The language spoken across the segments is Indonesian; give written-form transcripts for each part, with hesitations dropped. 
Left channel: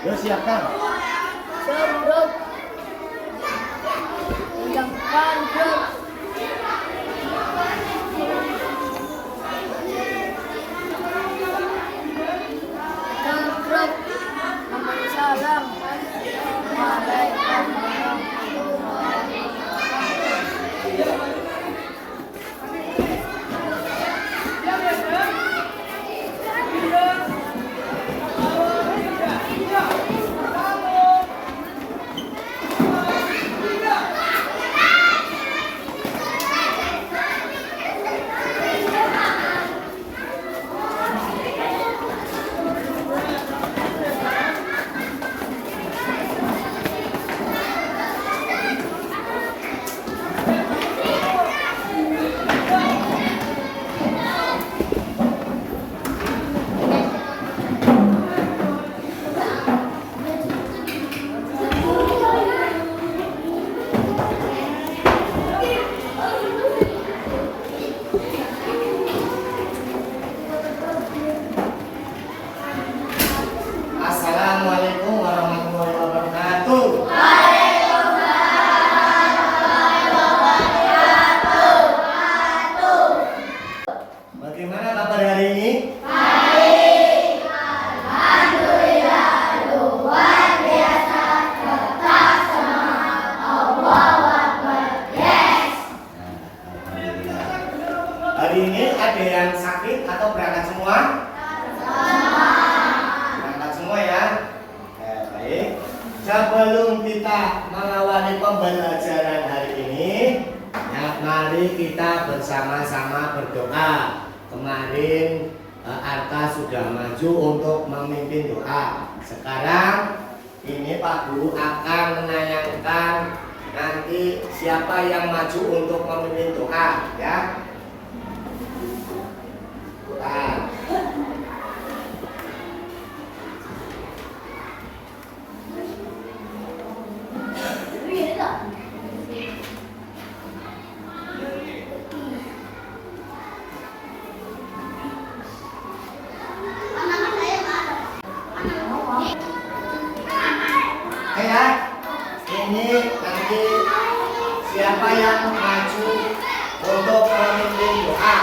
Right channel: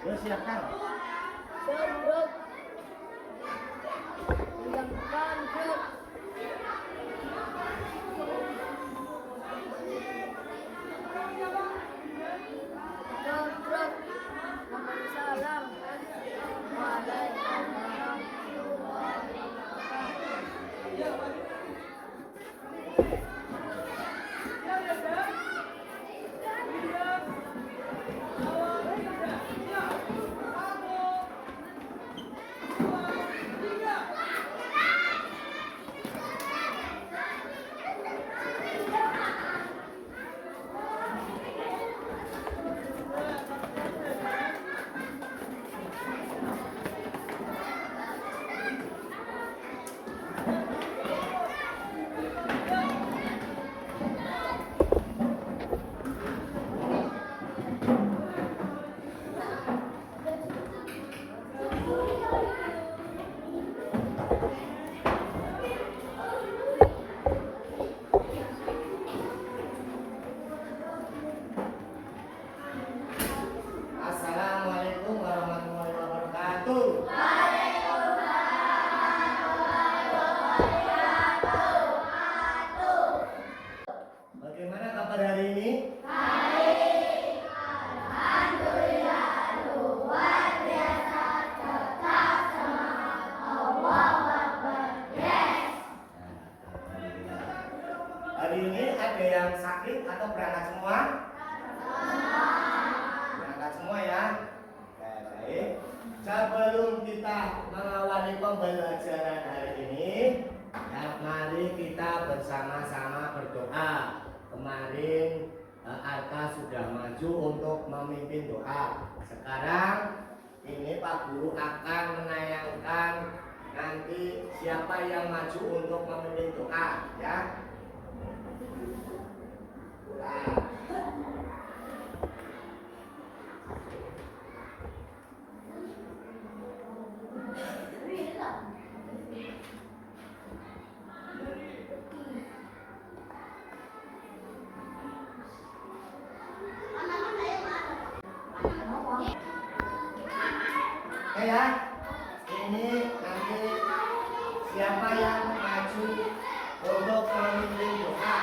Yo siapkan. Sebelum menjalankan grup memberi salam. Waalaikumsalam warahmatullahi wabarakatuh. Assalamualaikum warahmatullahi wabarakatuh. Bagaimana kabar hari ini? Hari ini ada yang sakit atau berangkat semua? Berangkat semua ya. Baik. Sebelum kita mengawali pembelajaran hari ini, ya, mari kita bersama-sama berdoa. Kemarin Arta sudah maju untuk memimpin doa. Sekarang ini Pak Guru akan menayangkan nanti siapa yang maju untuk memimpin doa, ya. Nah. Oke ya, ini nanti siapa yang maju untuk memimpin doa.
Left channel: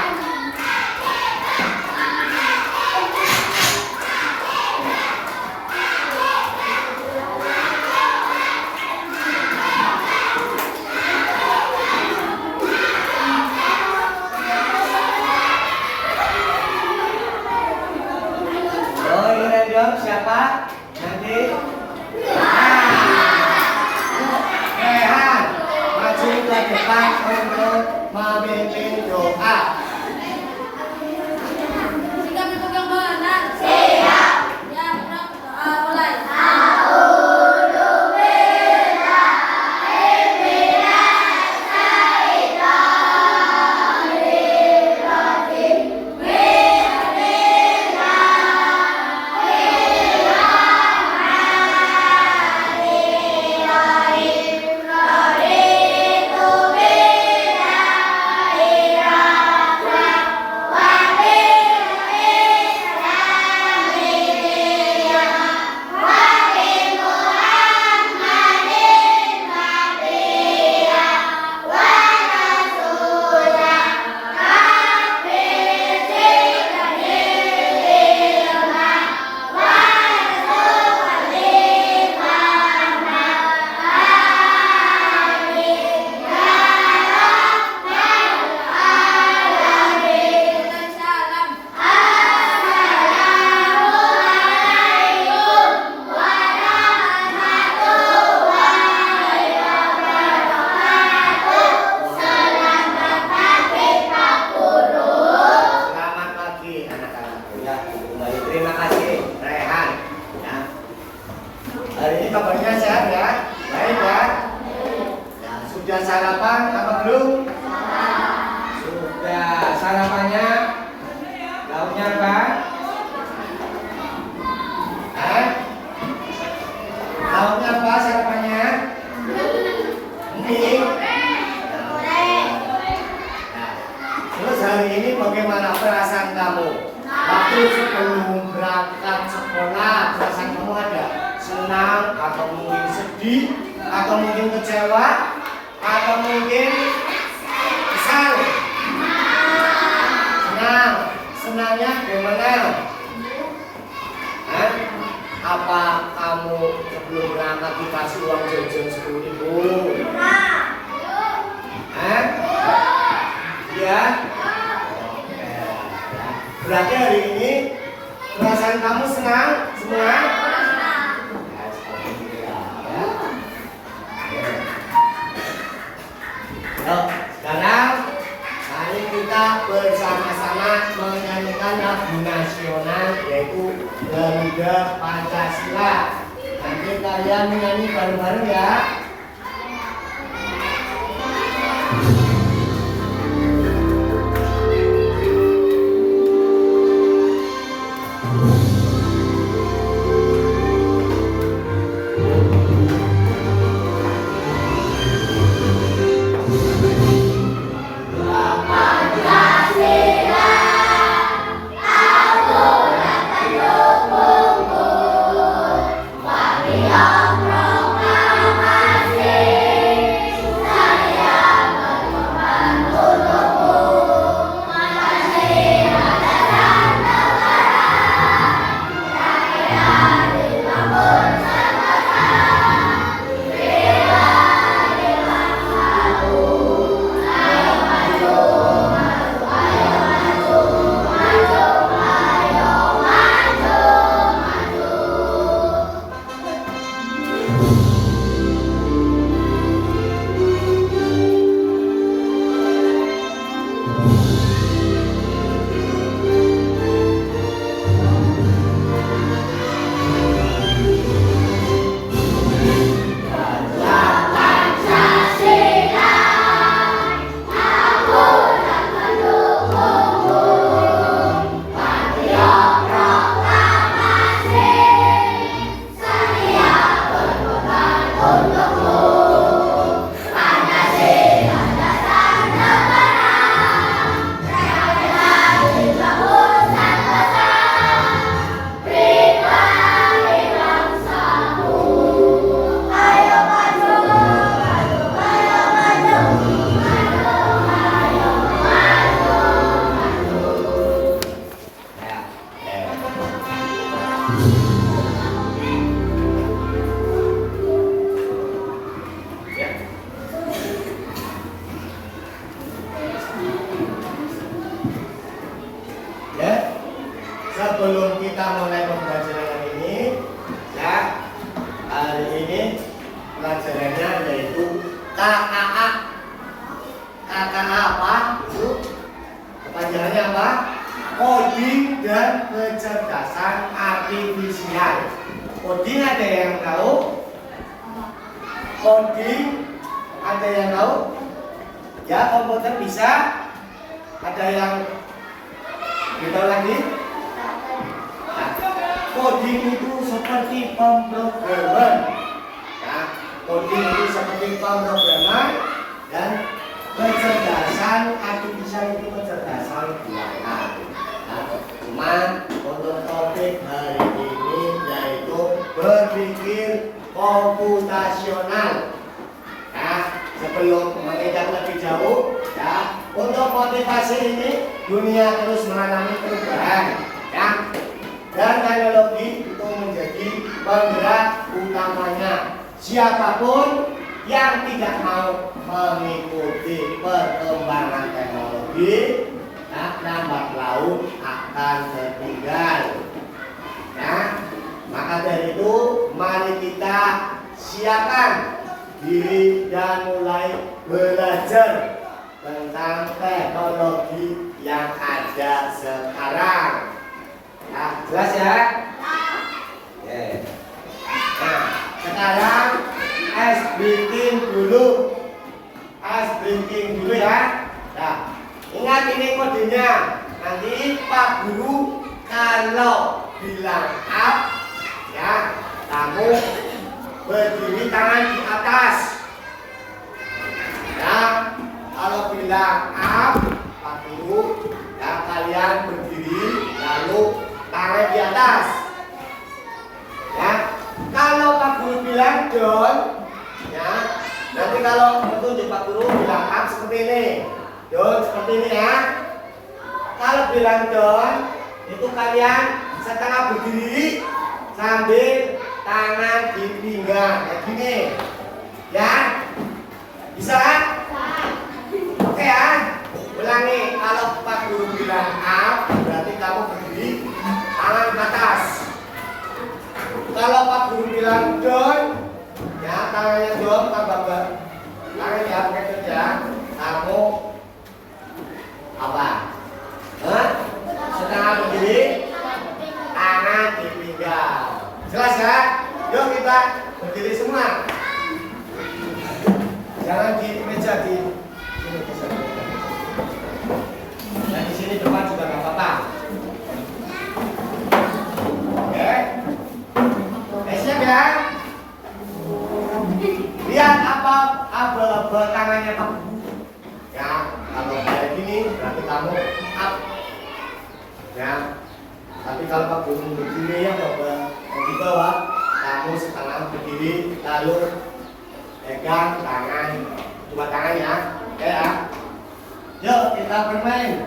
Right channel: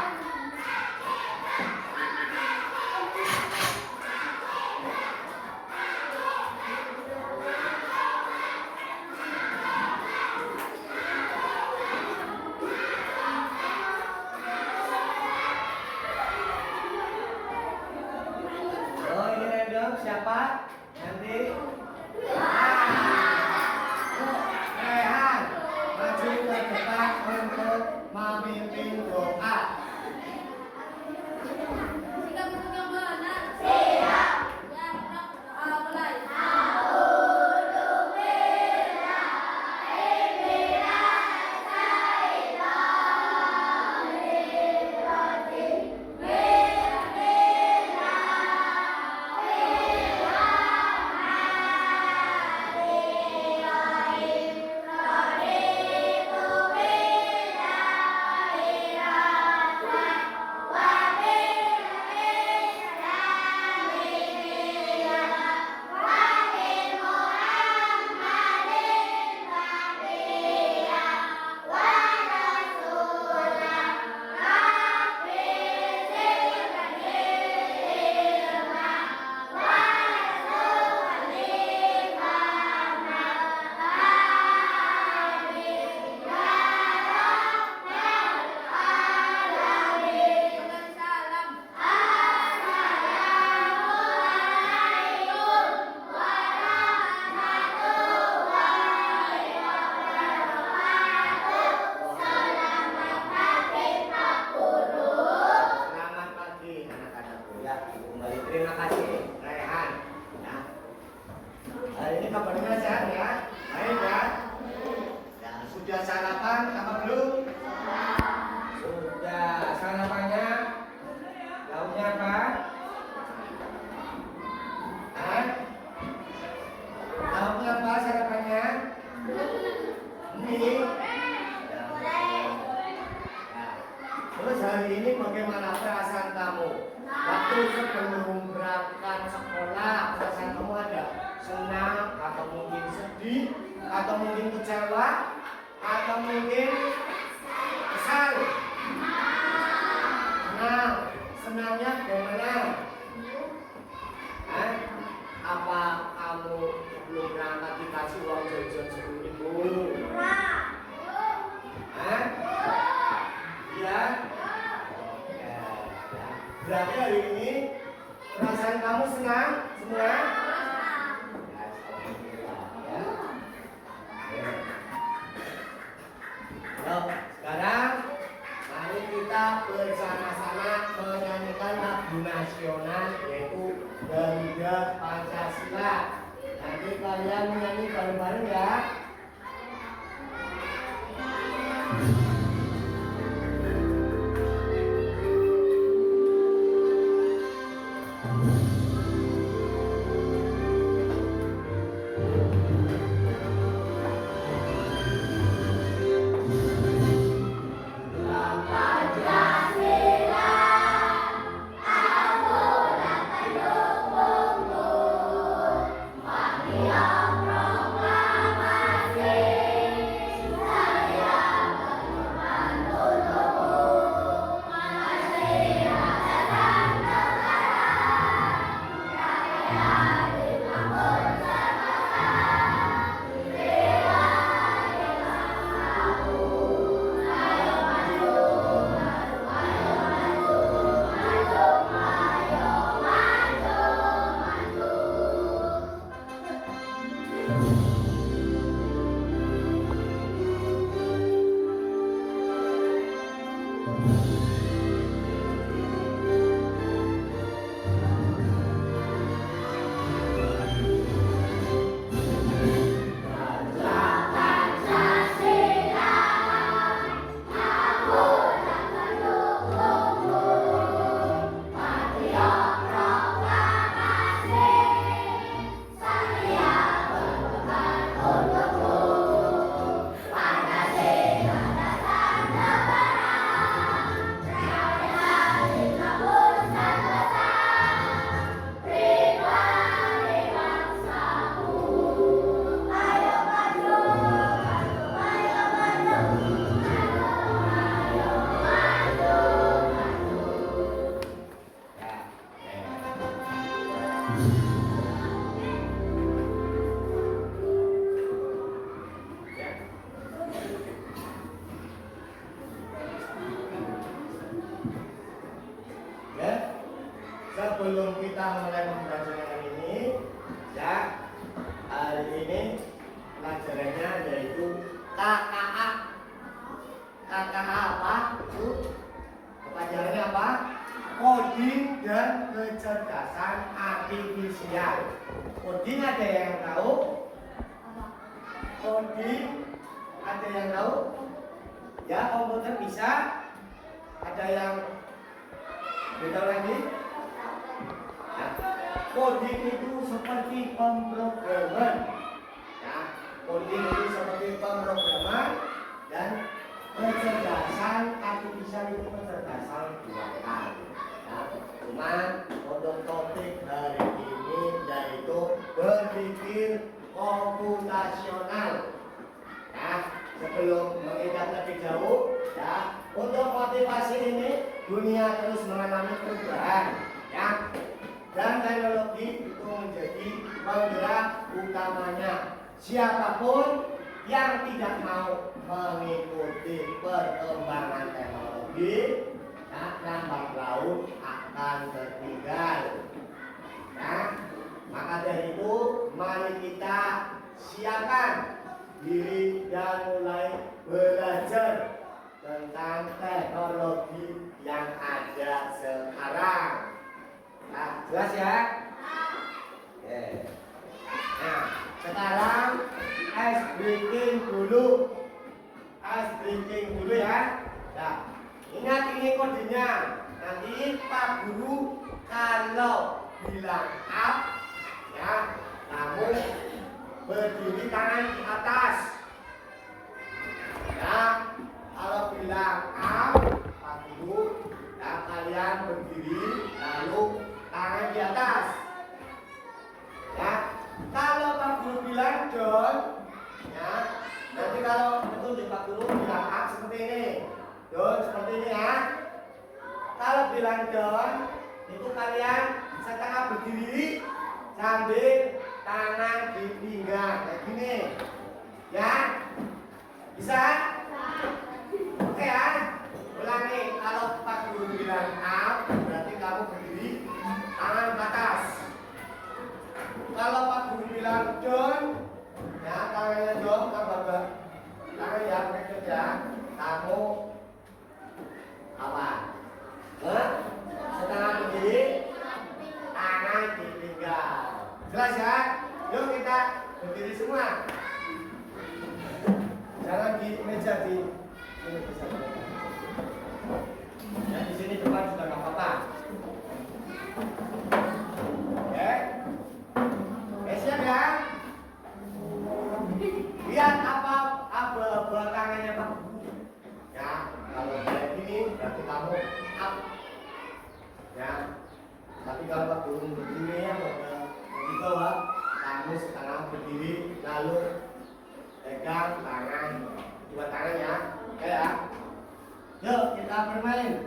Oh ini random siapa? Nanti Rehan maju ke depan untuk sedih, atau mungkin kecewa, atau mungkin kesal? Senang. Senangnya bagaimana? Hah? Apa kamu sebelum berangkat dikasih uang jajan 10.000? Hah? Iya? Oke. Berarti hari ini perasaan kamu senang? Senang? Sekarang mari kita bersama-sama menyanyikan lagu nasional yaitu Garuda Pancasila. Nanti kalian menyanyi bareng-bareng ya. Sebelum kita mulai pembelajaran ini, ya, hari ini pelajarannya yaitu KKA. KKA apa? Itu kepanjangannya apa? Coding dan kecerdasan artifisial. Coding ada yang tahu? Coding ada yang tahu? Ya, komputer bisa. Ada yang tahu lagi? Coding itu seperti pemrograman, ya, coding itu seperti pemrograman dan kecerdasan artifisial itu kecerdasan buatan. Nah, cuma untuk topik hari ini yaitu berpikir komputasional. Ya, sebelum menginjak lebih jauh, ya, untuk motivasi ini dunia terus mengalami perubahan, ya. Dan teknologi itu menjadi penggerak utamanya. Siapapun yang tidak mau mengikuti perkembangan teknologi, nah, lambat laun akan tertinggal. Nah, maka dari itu mari kita siapkan diri dan mulai belajar tentang teknologi yang ada sekarang. Nah, jelas ya? Yeah. Nah, sekarang ice breaking dulu. Ice breaking dulu ya. Nah, ingat ini kodenya. Nanti Pak Guru kalau bilang up, ya, kamu berdiri tangan di atas. Ya, kalau bilang up, Pak Guru, ya kalian berdiri lalu tangan di atas. Ya, kalau Pak Guru bilang down, Tapi kalau petunjuk Pak Guru bilang up seperti ini, down seperti ini ya. Kalau bilang down, itu kalian setengah berdiri sambil tangan di pinggang kayak gini, ya. Bisa? Oke ya. Ulangi. Kalau Pak Guru bilang up, berarti kamu berdiri tangan ke atas. Kalau Pak Guru bilang down, ya tangannya down, tangan ya begitu ya. Kamu apa? Setengah berdiri, tangan di pinggang. Jelas ya? Yuk kita berdiri semua. Jangan di meja di sini bisa. Dan di sini depan juga nggak apa-apa. Oke. Siap ya? Lihat apa tangannya Pak. Ya, kalau kayak gini berarti kamu up. Ya. Tapi kalau Pak Guru berdiri ya di bawah, kamu setengah berdiri lalu pegang tangan, dua tangan ya. Oke ya. Yuk kita bermain.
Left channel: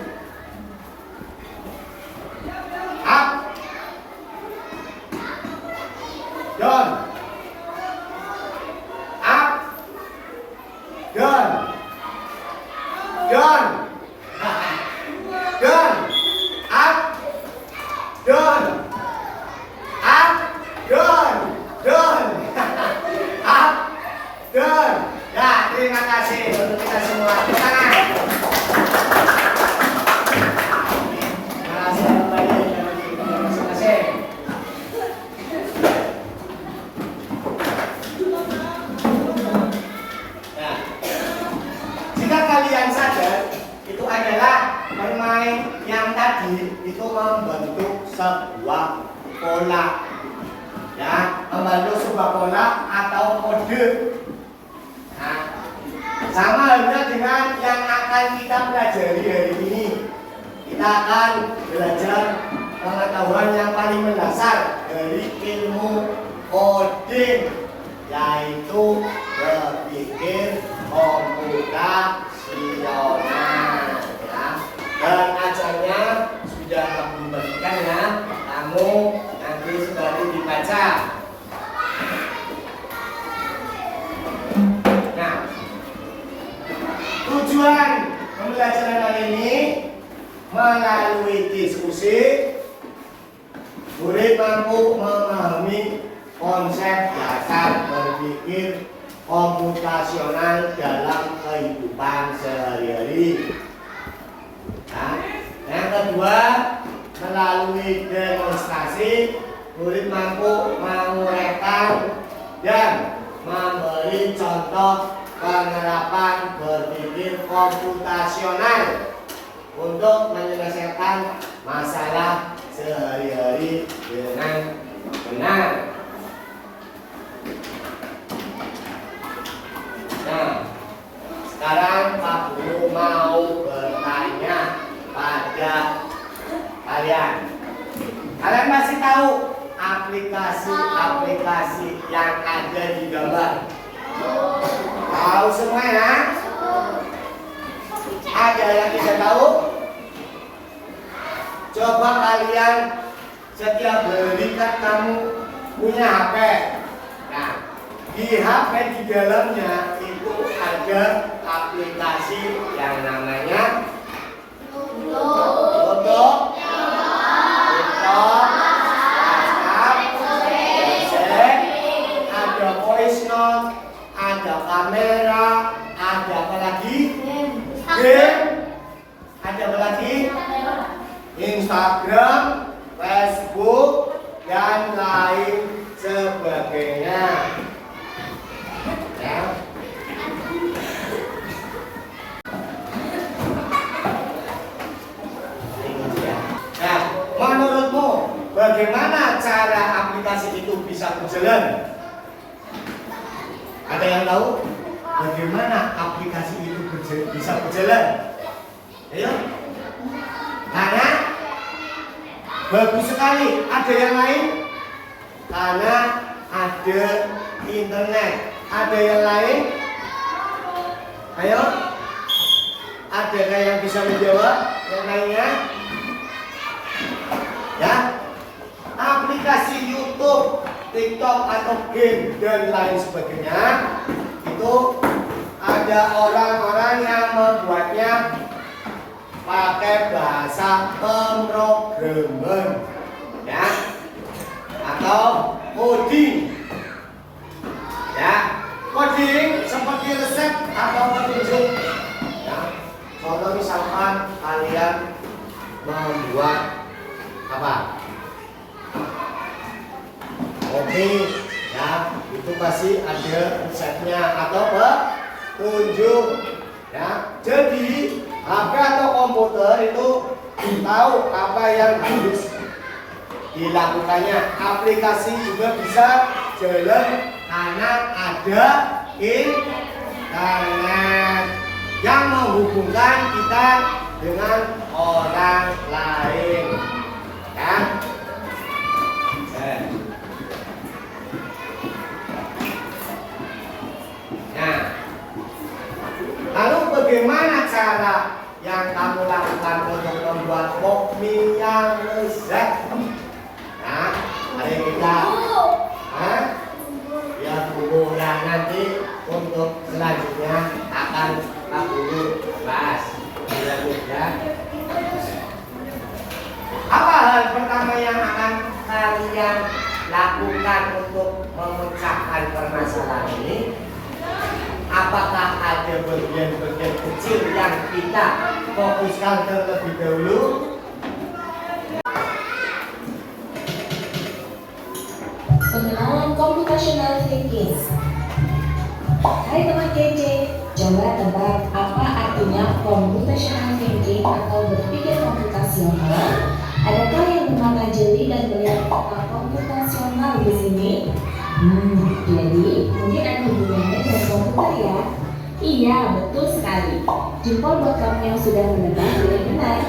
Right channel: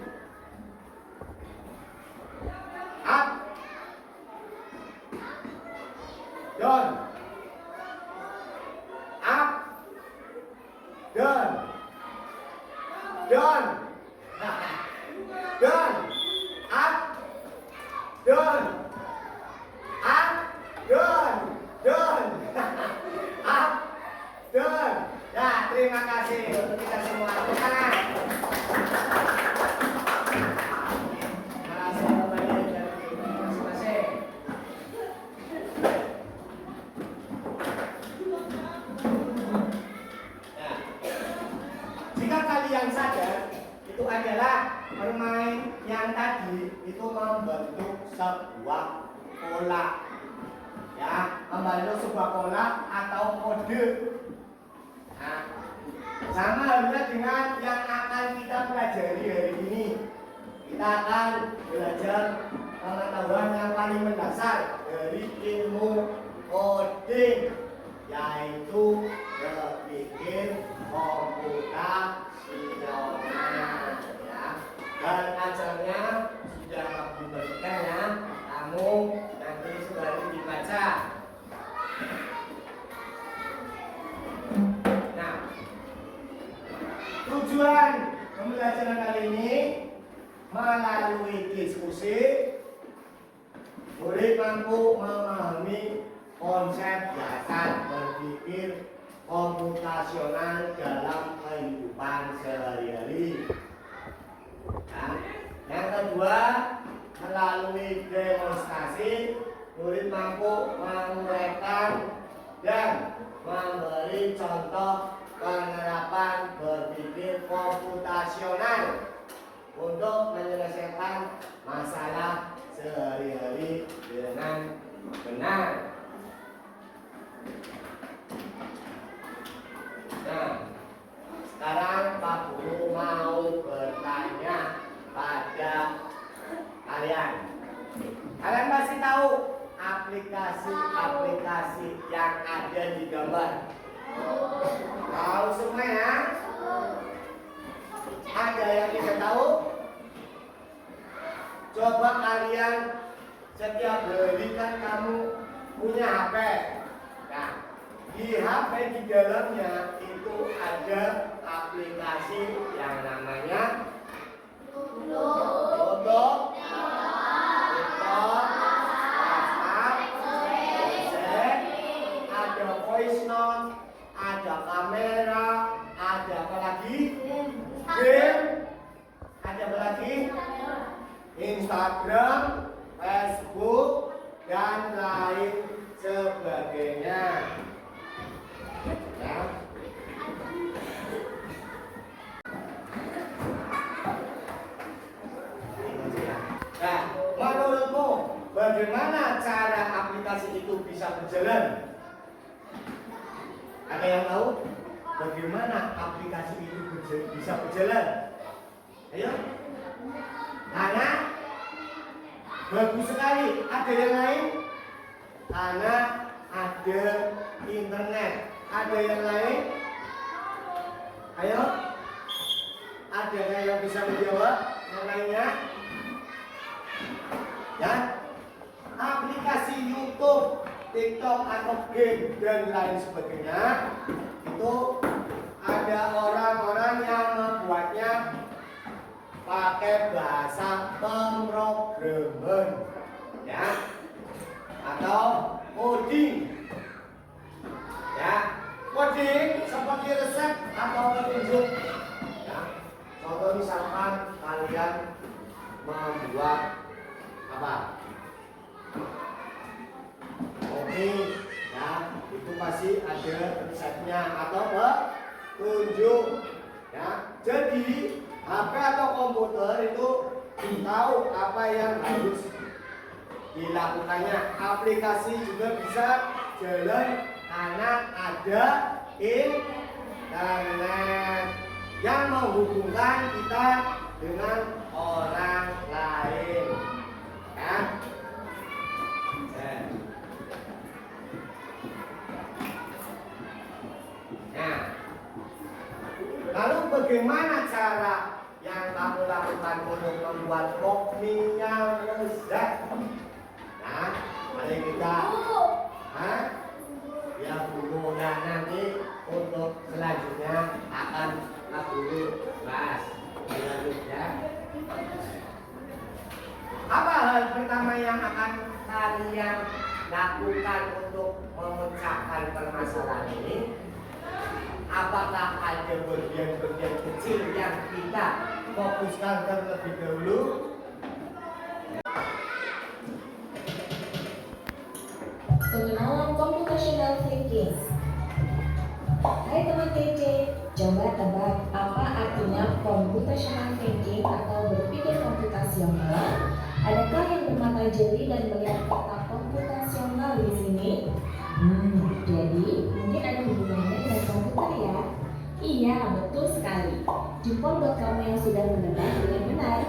Up. Down. Up. Down. Down. Down. Up. Down. Up. Down. Down. Up. Down. Ya, terima kasih untuk kita semua. Tangan. Terima kasih kembali masing-masing. Nah, jika kalian sadar, itu adalah permain yang tadi itu membentuk sebuah pola. Ya, membentuk sebuah pola atau kode. Nah, sama halnya dengan yang akan kita pelajari hari ini. Kita akan belajar pengetahuan yang paling mendasar dari ilmu coding, yaitu berpikir komputasional. Ya. Dan ajarnya sudah kamu berikan ya, kamu nanti sudah dibaca. Nah, tujuan pembelajaran hari ini melalui diskusi, murid mampu memahami konsep dasar berpikir komputasional dalam kehidupan sehari-hari. Nah, yang kedua, melalui demonstrasi, murid mampu menguraikan dan memberi contoh penerapan berpikir komputasional untuk menyelesaikan masalah sehari-hari dengan benar. Nah, sekarang Pak Guru mau bertanya pada kalian. Kalian masih tahu aplikasi-aplikasi yang ada di gambar? Tahu semua ya? Ada yang tidak tahu? Coba kalian setiap hari kan kamu punya HP. Nah, di HP di dalamnya itu ada aplikasi yang namanya Foto, TikTok, WhatsApp, Gojek, ada voice note, ada kamera, ada apa lagi? Game, ada apa lagi? Instagram, Facebook, dan lain sebagainya. Ya. Nah, menurutmu bagaimana cara aplikasi itu bisa berjalan? Ada yang tahu bagaimana aplikasi itu bisa berjalan? Ayo. Karena bagus sekali. Ada yang lain? Karena ada internet. Ada yang lain? Ayo, adakah yang bisa menjawab yang lainnya? Ya, aplikasi YouTube, TikTok atau game dan lain sebagainya itu ada orang-orang yang membuatnya pakai bahasa pemrograman, ya, atau coding. Ya, coding seperti resep atau petunjuk. Ya, contoh misalkan kalian membuat apa? Kopi, ya, itu pasti ada resepnya atau petunjuk. Ya, jadi HP atau komputer itu tahu apa yang harus dilakukannya. Aplikasi juga bisa jalan karena ada internet yang menghubungkan kita dengan orang lain, ya. Nah, lalu bagaimana cara yang kamu lakukan untuk membuat kopi yang lezat? Nah, mari kita ya Bu. Nah, nanti untuk selanjutnya akan Pak Guru bahas selanjutnya. Apa hal pertama yang akan kalian lakukan untuk memecahkan permasalahan ini? Apakah ada bagian-bagian kecil yang kita fokuskan terlebih dahulu? Pengenalan computational thinking. Hai teman kece, coba tebak apa artinya computational thinking atau berpikir komputasional? Adakah yang bermata jeli dan melihat kata komputasional di sini? Jadi mungkin ada hubungannya dengan komputer ya? Iya, betul sekali. Jempol buat kamu yang sudah menebak dengan benar.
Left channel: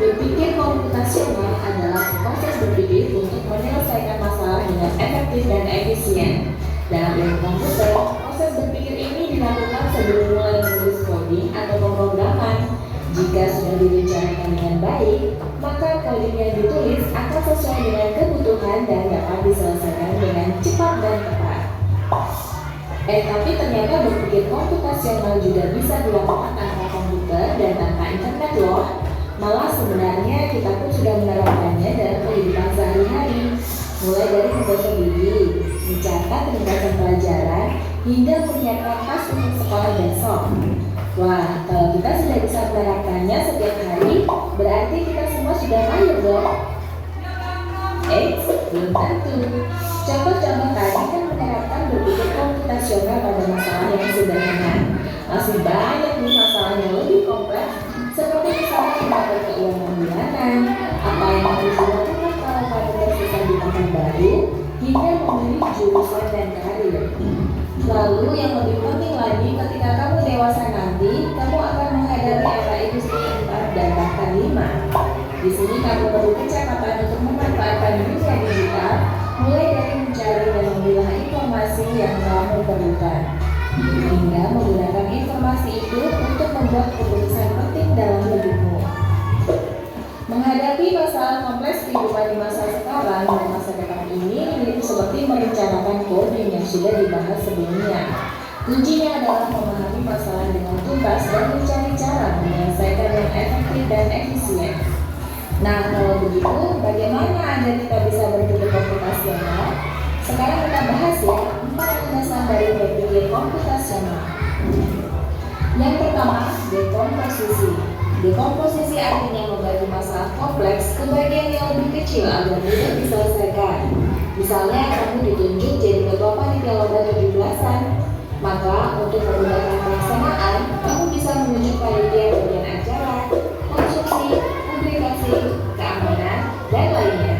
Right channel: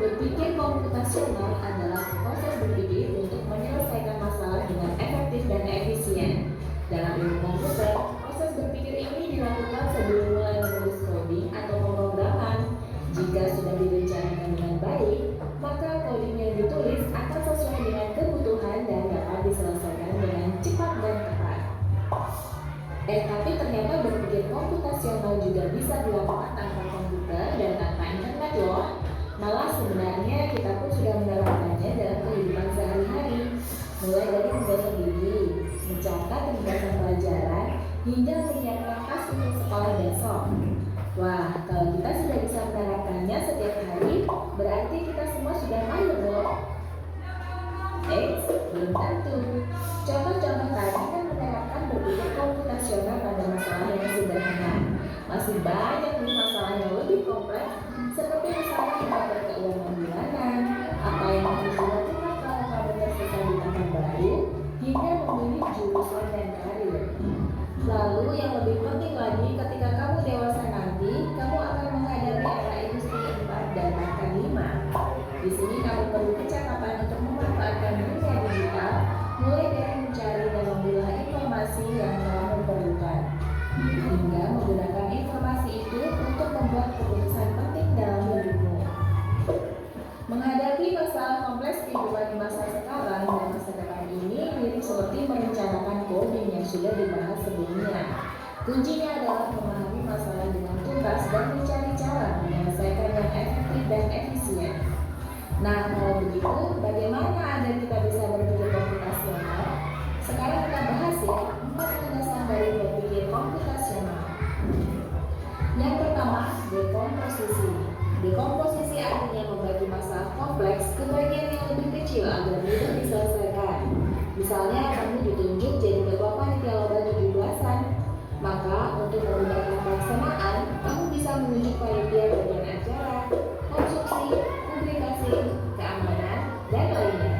Berpikir komputasional adalah proses berpikir untuk menyelesaikan masalah dengan efektif dan efisien. Dalam ilmu komputer, proses berpikir ini dilakukan sebelum mulai menulis coding atau pemrograman. Jika sudah direncanakan dengan baik, maka coding yang ditulis akan sesuai dengan kebutuhan dan dapat diselesaikan dengan cepat dan tepat. Tapi ternyata berpikir komputasional juga bisa dilakukan tanpa komputer dan tanpa internet loh. Malah sebenarnya kita pun sudah menerapkannya dalam kehidupan sehari-hari, mulai dari menggosok gigi, mencatat ringkasan pelajaran, hingga menyiapkan tas untuk sekolah besok. Wah, kalau kita sudah bisa menerapkannya setiap hari, berarti kita semua sudah mahir dong. Belum tentu. Contoh-contoh tadi kan menerapkan berpikir komputasional pada masalah yang sederhana. Masih banyak nih masalah yang lebih kompleks, seperti misalnya mengatur keuangan bulanan, apa yang harus dilakukan kalau pada tersisa di tahun baru, hingga memilih jurusan dan karir. Lalu yang lebih penting lagi, ketika kamu dewasa nanti, kamu akan menghadapi era industri 4 dan bahkan 5. Di sini kamu perlu kecepatan untuk memanfaatkan dunia digital, mulai dari mencari dan memilah informasi yang kamu perlukan, hingga menggunakan informasi itu untuk membuat keputusan penting dalam hidupmu. Menghadapi masalah kompleks kehidupan di masa sekarang dan masa depan ini mirip seperti merencanakan coding yang sudah dibahas sebelumnya. Kuncinya adalah memahami masalah dengan tuntas dan mencari cara menyelesaikan yang efektif dan efisien. Nah, kalau begitu, bagaimana agar kita bisa berpikir komputasional? Sekarang kita bahas ya 4 landasan dari berpikir komputasional. Yang pertama, dekomposisi. Dekomposisi artinya membagi masalah kompleks ke bagian yang lebih kecil agar mudah diselesaikan. Misalnya, kamu ditunjuk jadi ketua panitia lomba 17-an. Maka, untuk memudahkan pelaksanaan, kamu bisa menunjuk panitia bagian acara, konstruksi, publikasi, keamanan, dan lainnya.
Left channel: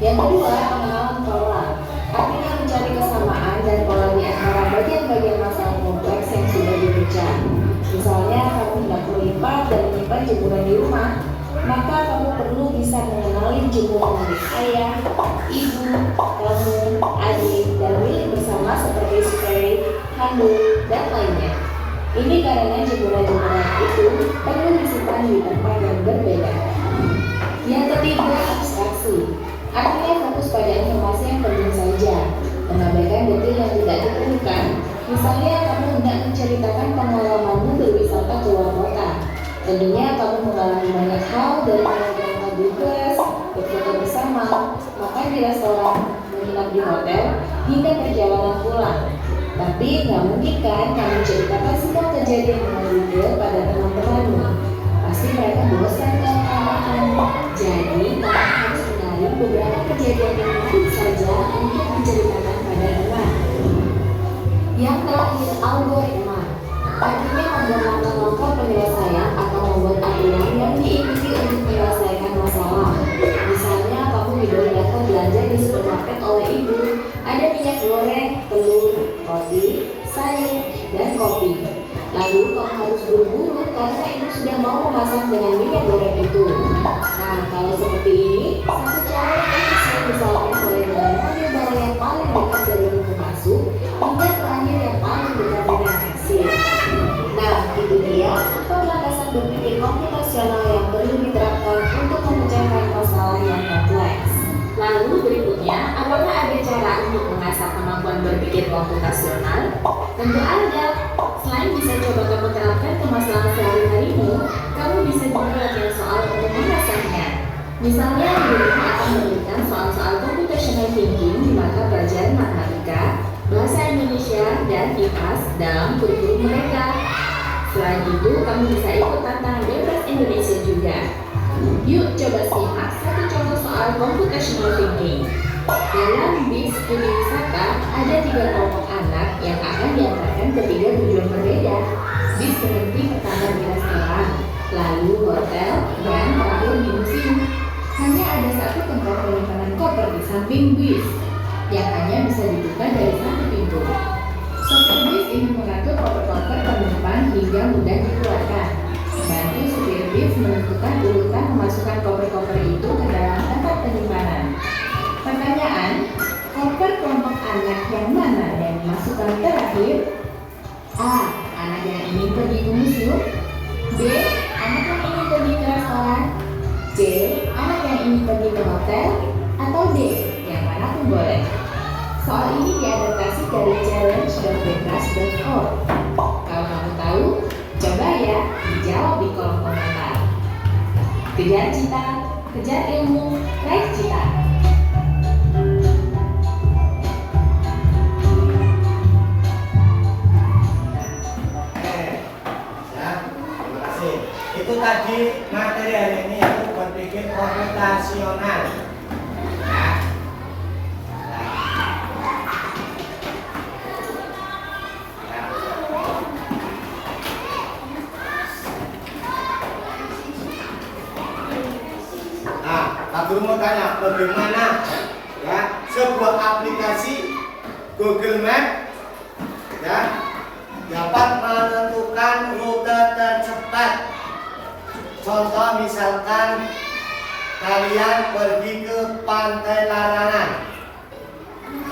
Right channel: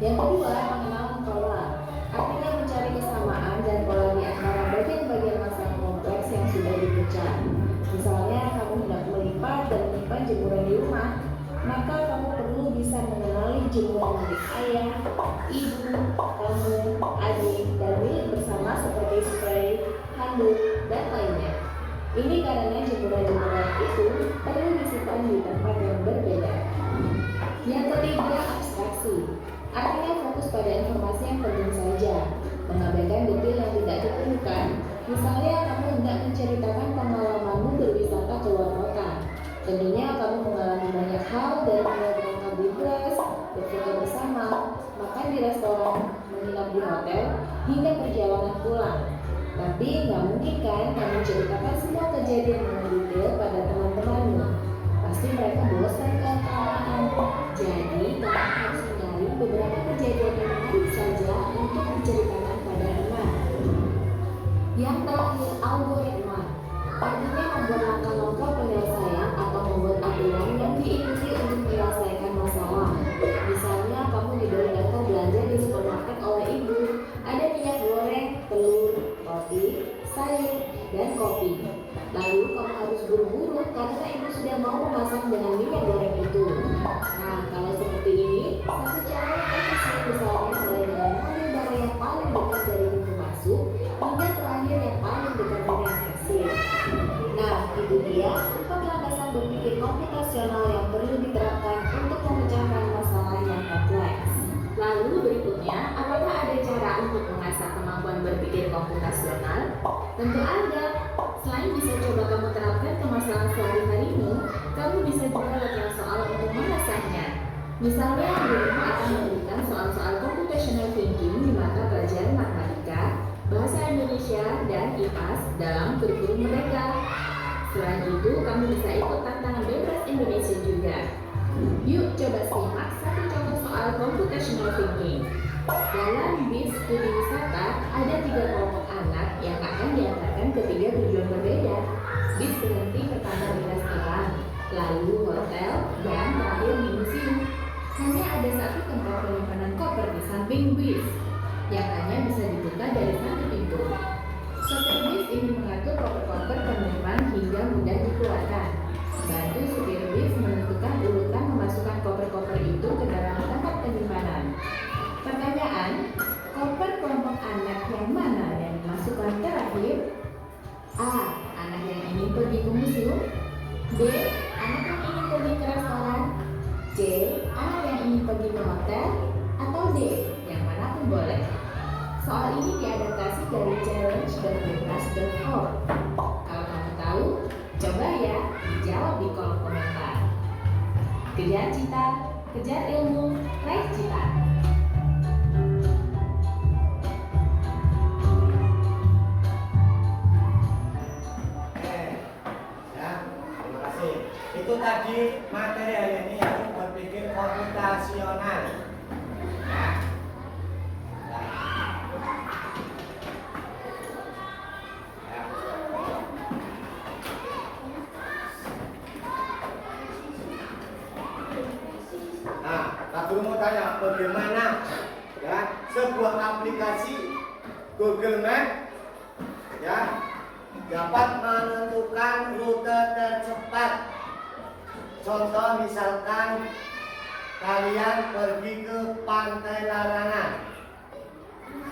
Yang kedua, pengenalan pola. Artinya mencari kesamaan dan pola di antara bagian-bagian masalah kompleks yang sudah dipecah. Misalnya, kamu hendak melipat dan menyimpan jemuran di rumah, maka kamu perlu bisa mengenali jemuran milik ayah, ibu, kamu, adik, dan milik bersama seperti spray, handuk, dan lainnya. Ini karena jemuran-jemuran itu perlu disimpan di tempat yang berbeda. Yang ketiga, abstraksi. Artinya fokus pada informasi yang penting saja, mengabaikan detail yang tidak diperlukan. Misalnya, kamu hendak menceritakan pengalamanmu berwisata ke luar kota. Tentunya kamu mengalami banyak hal dari mulai berangkat di kelas, berfoto bersama, makan di restoran, menginap di hotel, hingga perjalanan pulang. Tapi nggak mungkin kan kamu ceritakan semua kejadian dengan detail pada teman-temanmu. Pasti mereka bosan kalau kamu. Jadi kamu harus mencari beberapa kejadian yang menarik saja untuk diceritakan pada teman. Yang terakhir, algoritma. Artinya membuat langkah-langkah penyelesaian atau membuat aturan yang diikuti untuk menyelesaikan masalah. Misalnya kamu didorongkan belanja di supermarket oleh ibu. Ada minyak goreng, telur, roti, sayur, dan kopi. Lalu kamu harus buru-buru karena ibu sudah mau memasak dengan minyak goreng itu. Nah, kalau seperti ini, satu cara yang efisien misalnya mulai dari mobil barang yang paling dekat dari pintu masuk hingga terakhir yang paling dekat dengan kasir. Nah, itu dia pemlantasan berpikir komputasional yang perlu diterapkan untuk memecahkan masalah yang kompleks. Lalu berikutnya, apakah ada cara untuk mengasah kemampuan berpikir komputasional? Tentu ada. Selain bisa coba kamu terapkan ke masalah sehari-harimu, kamu bisa juga latihan soal untuk mengasahnya. Misalnya, gurumu akan memberikan soal-soal computational thinking di mata pelajaran matematika, bahasa Indonesia, dan IPAS dalam kurikulum mereka. Selain itu, kamu bisa ikut tantangan bebas Indonesia juga. Yuk coba simak satu contoh soal computational thinking. Dalam bis studi wisata, ada 3 kelompok anak yang akan diantarkan ke 3 tujuan berbeda. Bis berhenti pertama di restoran, lalu hotel, dan terakhir di museum. Hanya ada satu tempat penyimpanan koper di samping bis, yang hanya bisa dibuka dari satu pintu. Sopir bis ini mengatur koper-koper penumpang hingga mudah dikeluarkan. Bantu supir bis menentukan urutan memasukkan koper-koper itu ke dalam tempat penyimpanan. Pertanyaan, koper kelompok anak yang mana yang dimasukkan terakhir? A. Anak yang ingin pergi ke museum. B. Anak yang ingin pergi ke restoran. C. Anak yang ingin pergi ke hotel. Atau D. Yang mana pun boleh. Soal ini diadaptasi dari challenge.bebas.org. Kalau kamu tahu, coba ya dijawab di kolom komentar. Kejar cita, kejar ilmu, raih cita. Itu tadi materi hari ini yaitu berpikir komputasional. Pak Guru mau tanya, bagaimana ya sebuah aplikasi Google Map ya dapat menentukan rute tercepat. Contoh misalkan kalian pergi ke Pantai Larangan,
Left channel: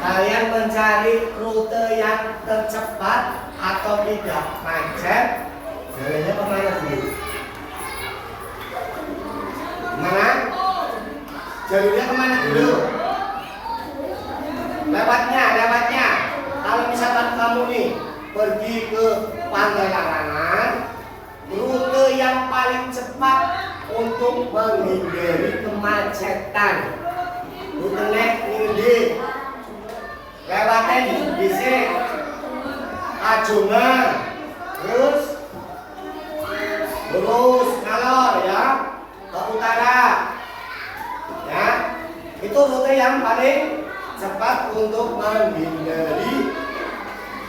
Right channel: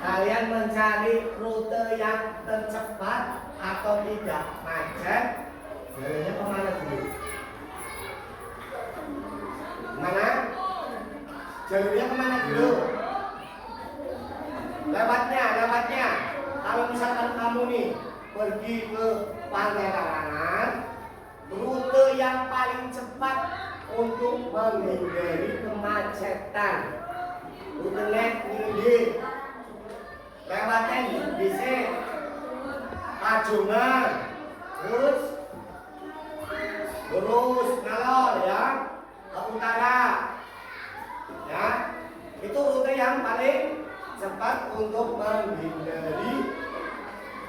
kalian mencari rute yang tercepat atau tidak macet, jalannya kemana dulu? Mana? Jalurnya kemana dulu? Lewatnya. Kalau misalkan kamu nih pergi ke Pantai Larangan, rute yang paling cepat untuk menghindari kemacetan. Rute ini lewatnya bisa Kajungan, terus ngalor ya ke utara. Ya, itu rute yang paling cepat untuk menghindari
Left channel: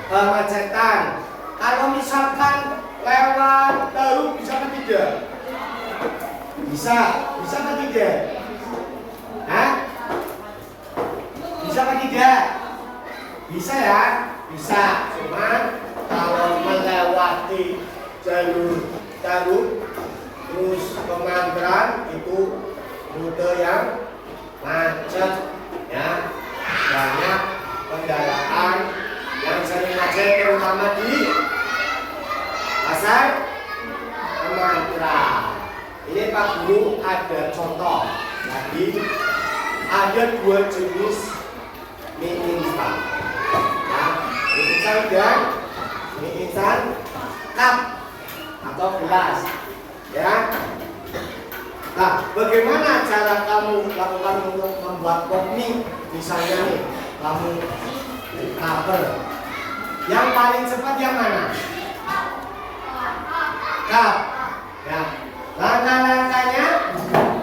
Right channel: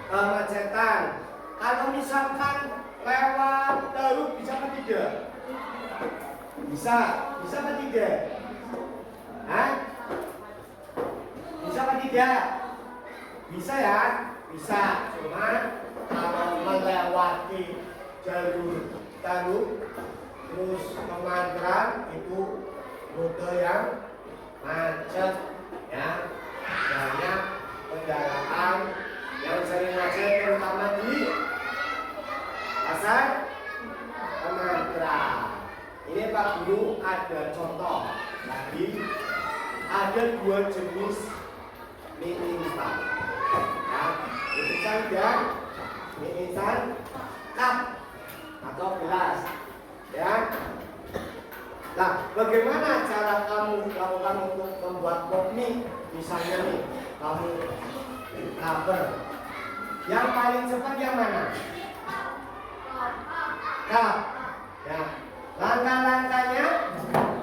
kemacetan. Kalau misalkan lewat Daru bisa apa tidak? Bisa apa tidak? Hah? Bisa apa tidak? Bisa ya? Bisa. Cuman kalau melewati jalur Daru terus ke Manggaran itu rute yang macet ya, banyak kendaraan yang sering macet terutama di pasar mantra. Ini Pak Guru ada contoh lagi. Ada 2 jenis mie instan. Nah, mie instan dan mie instan cup atau gelas. Ya. Nah, bagaimana cara kamu lakukan untuk membuat pop mie? Misalnya nih, kamu cover. Yang paling cepat yang mana? Cup. Ya. Langkah-langkahnya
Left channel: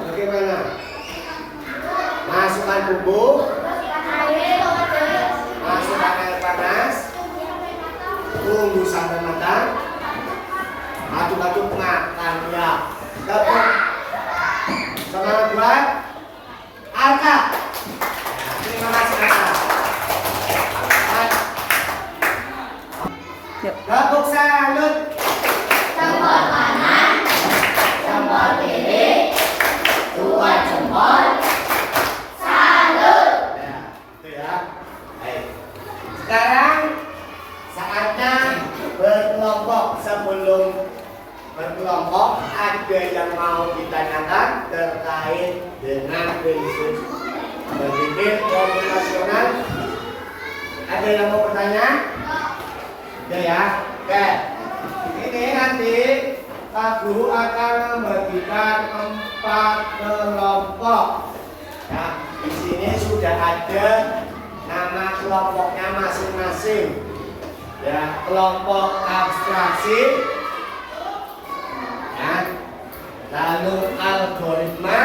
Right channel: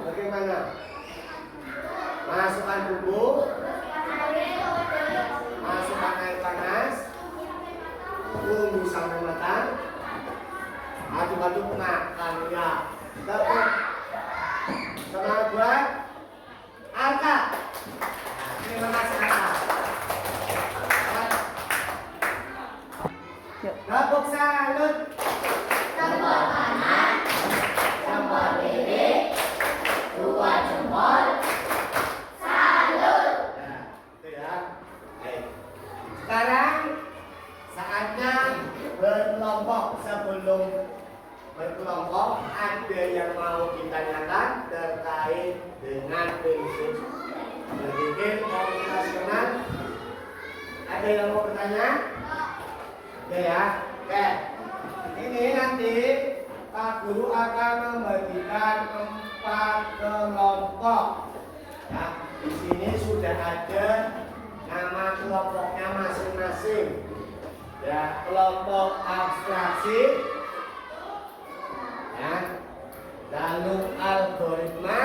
bagaimana? Masukkan bumbu, masukkan air panas, tunggu sampai matang, aduk-aduk makan ya. Dapat semangat buat Alka. Terima kasih Alka. Gabung salut. Jempol kanan, jempol kiri, 2 jempol. Salut. Ya, itu ya. Baik. Sekarang saatnya berkelompok. Sebelum berkelompok, ada yang mau ditanyakan terkait dengan prinsip berpikir komunikasional? Ada yang mau bertanya? Ada ya? Oke. Ini nanti Pak Guru akan membagikan 4 kelompok. Ya, di sini sudah ada nama kelompoknya masing-masing. Ya, kelompok abstraksi, ya, lalu algoritma,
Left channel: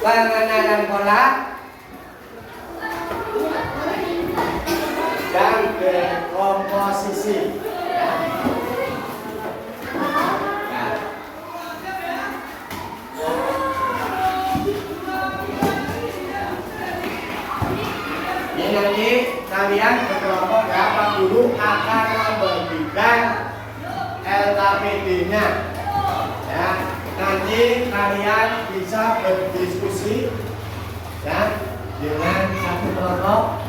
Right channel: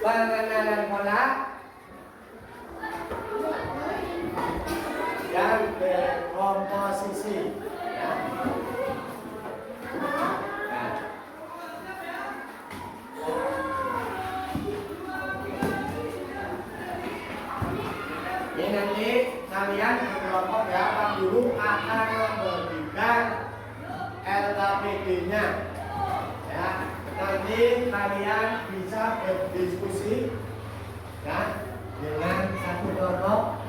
pengenalan pola, dan dekomposisi. Ya. Ya. Ini nanti kalian berkelompok ya, Pak Guru akan membagikan LKPD-nya. Ya, nanti kalian bisa berdiskusi ya dengan satu kelompok.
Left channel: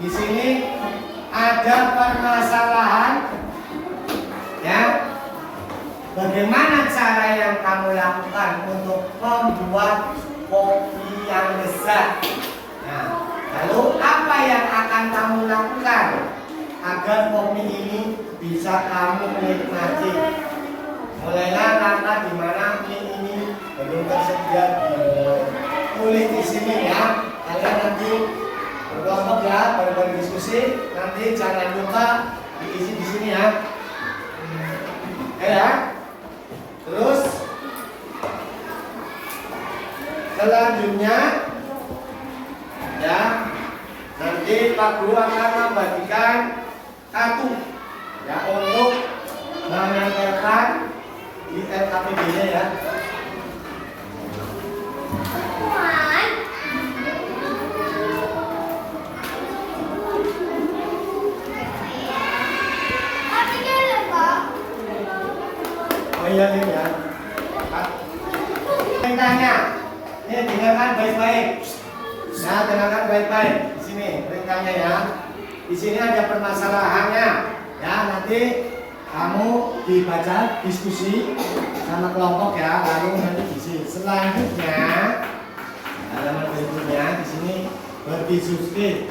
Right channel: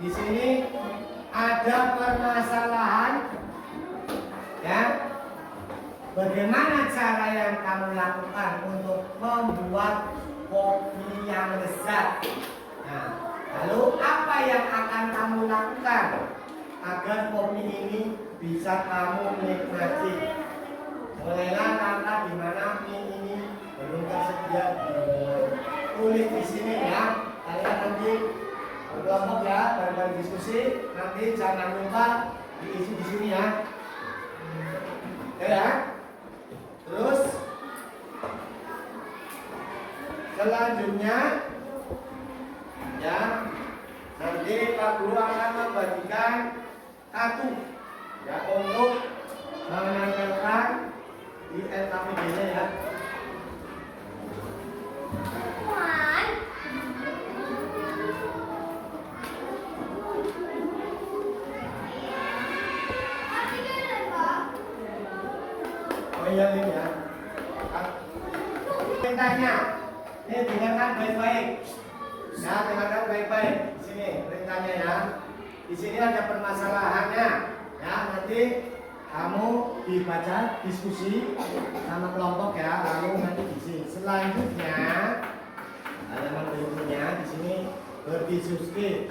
Di sini ada permasalahan, ya. Bagaimana cara yang kamu lakukan untuk membuat kopi yang lezat? Nah, lalu apa yang akan kamu lakukan agar kopi ini bisa kamu nikmati? Mulailah langkah di mana mie ini belum tersedia tulis di sini ya. Kalian nanti berkelompok ya, berdiskusi. Nanti jangan lupa diisi di sini ya. Ya. Terus selanjutnya ya, nanti Pak Guru akan membagikan kartu ya untuk menempelkan di LKPD-nya ya. Oh iya ini ya. Perintahnya, ini dengarkan baik-baik. Ya, dengarkan baik-baik. Di sini perintahnya ya. Di sini ada permasalahannya. Ya, nanti kamu dibaca diskusi sama kelompok ya, lalu nanti diisi. Selanjutnya halaman berikutnya di sini berdiskusi.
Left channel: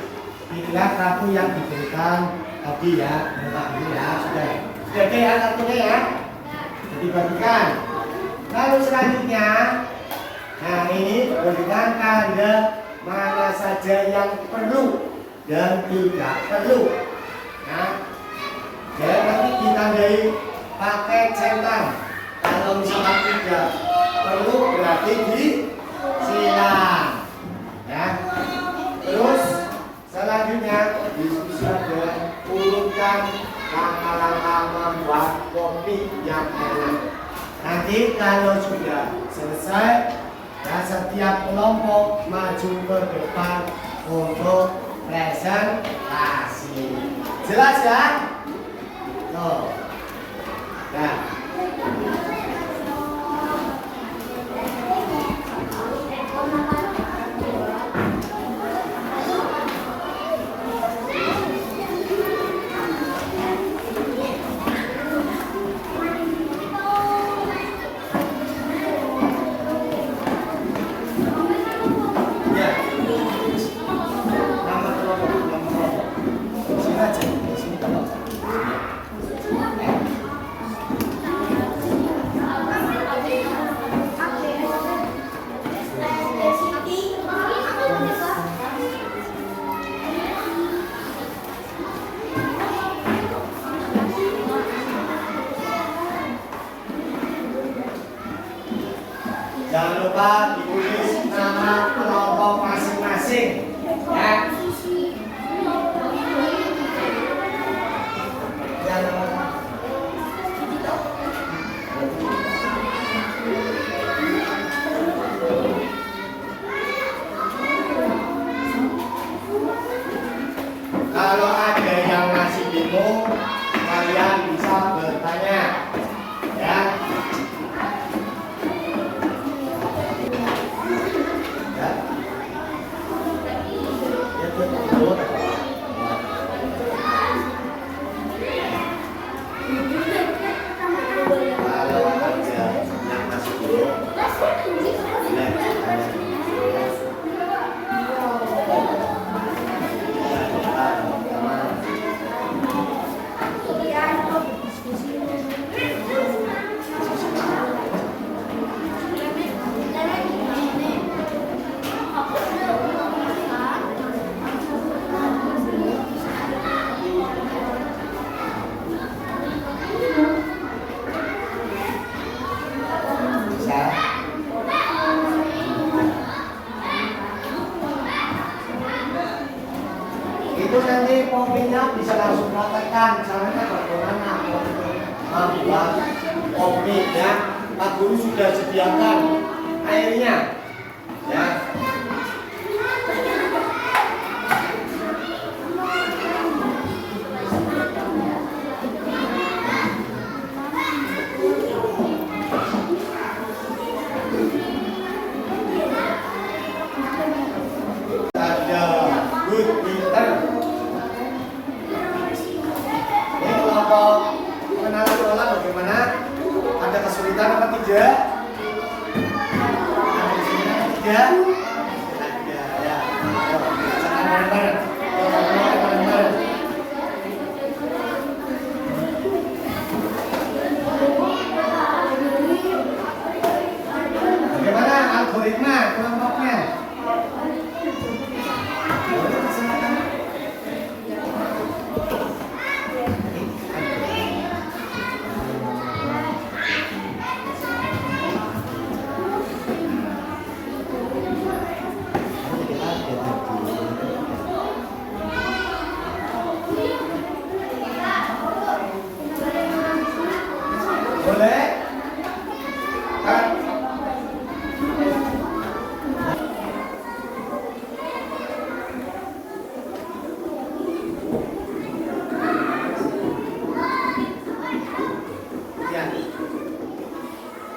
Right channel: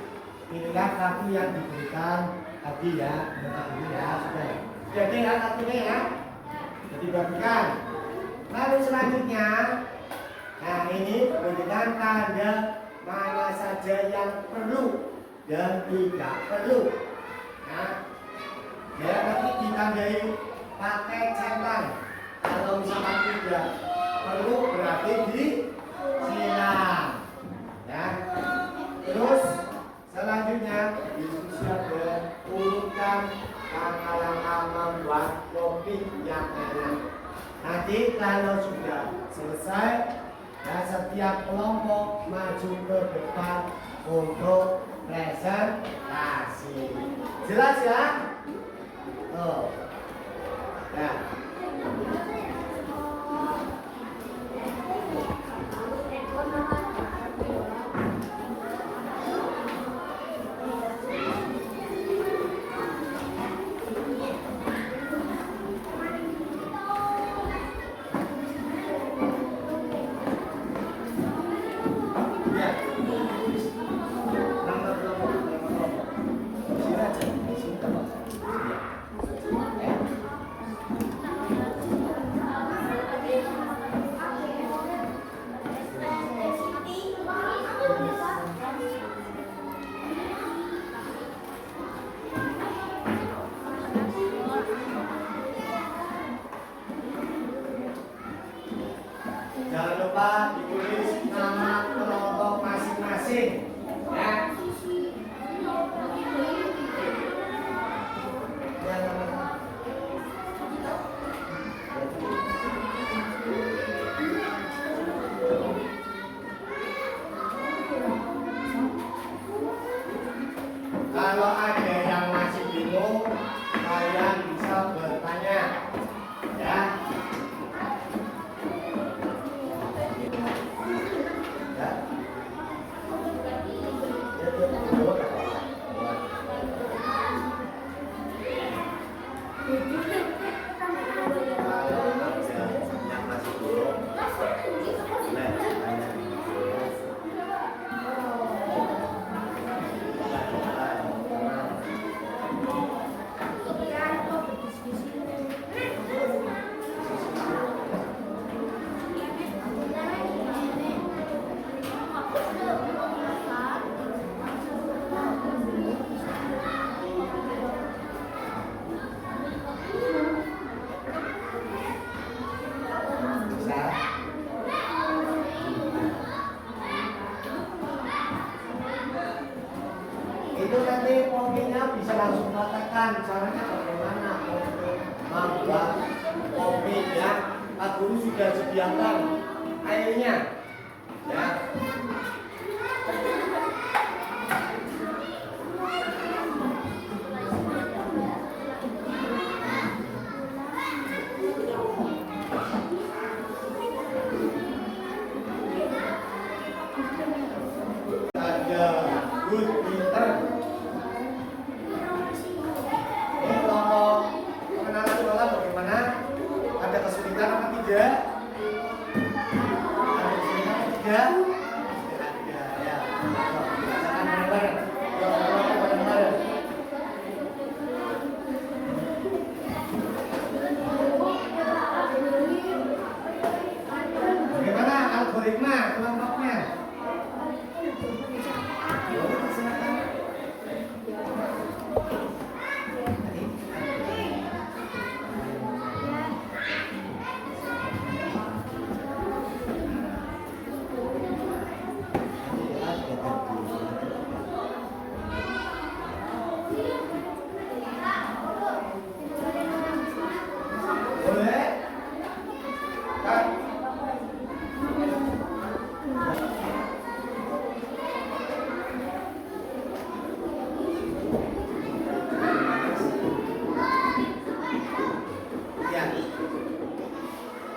Pilihlah kartu yang diberikan tadi ya, ini ya sudah. Oke ya kartunya ya. Dibagikan. Lalu selanjutnya, nah ini berikan tanda mana saja yang perlu dan tidak perlu. Nah, ya nanti ditandai pakai centang. Kalau misalkan tidak perlu berarti disilang. Ya. Terus selanjutnya diskusi ada urutkan langkah-langkah membuat kopi yang enak. Nanti kalau sudah selesai, ya setiap kelompok maju ke depan untuk presentasi. Jelas ya? Tuh. Nah. Ya. Nama kelompok. Sini aja, sini kalau. Jangan lupa ditulis nama kelompok masing-masing, ya. Jangan lupa. Kalau ada yang masih bingung, kalian bisa bertanya, ya. Kalau ada yang masih bingung, boleh tanya. Bisa? Itu nanti kopinya bisa langsung praktekkan caranya bagaimana untuk membuat kopi, ya. Pak Guru sudah sediakan airnya, ya. Ada good Peter. Ini kelompok pengenalan sekolah bagaimana? Ada kesulitan apa tidak? Ada kesulitan apa tidak? Ada, ya. Ayo, bacakan bareng-bareng. Bareng-bareng. Bagaimana algoritma kelompoknya? Boleh? Kan? Ya.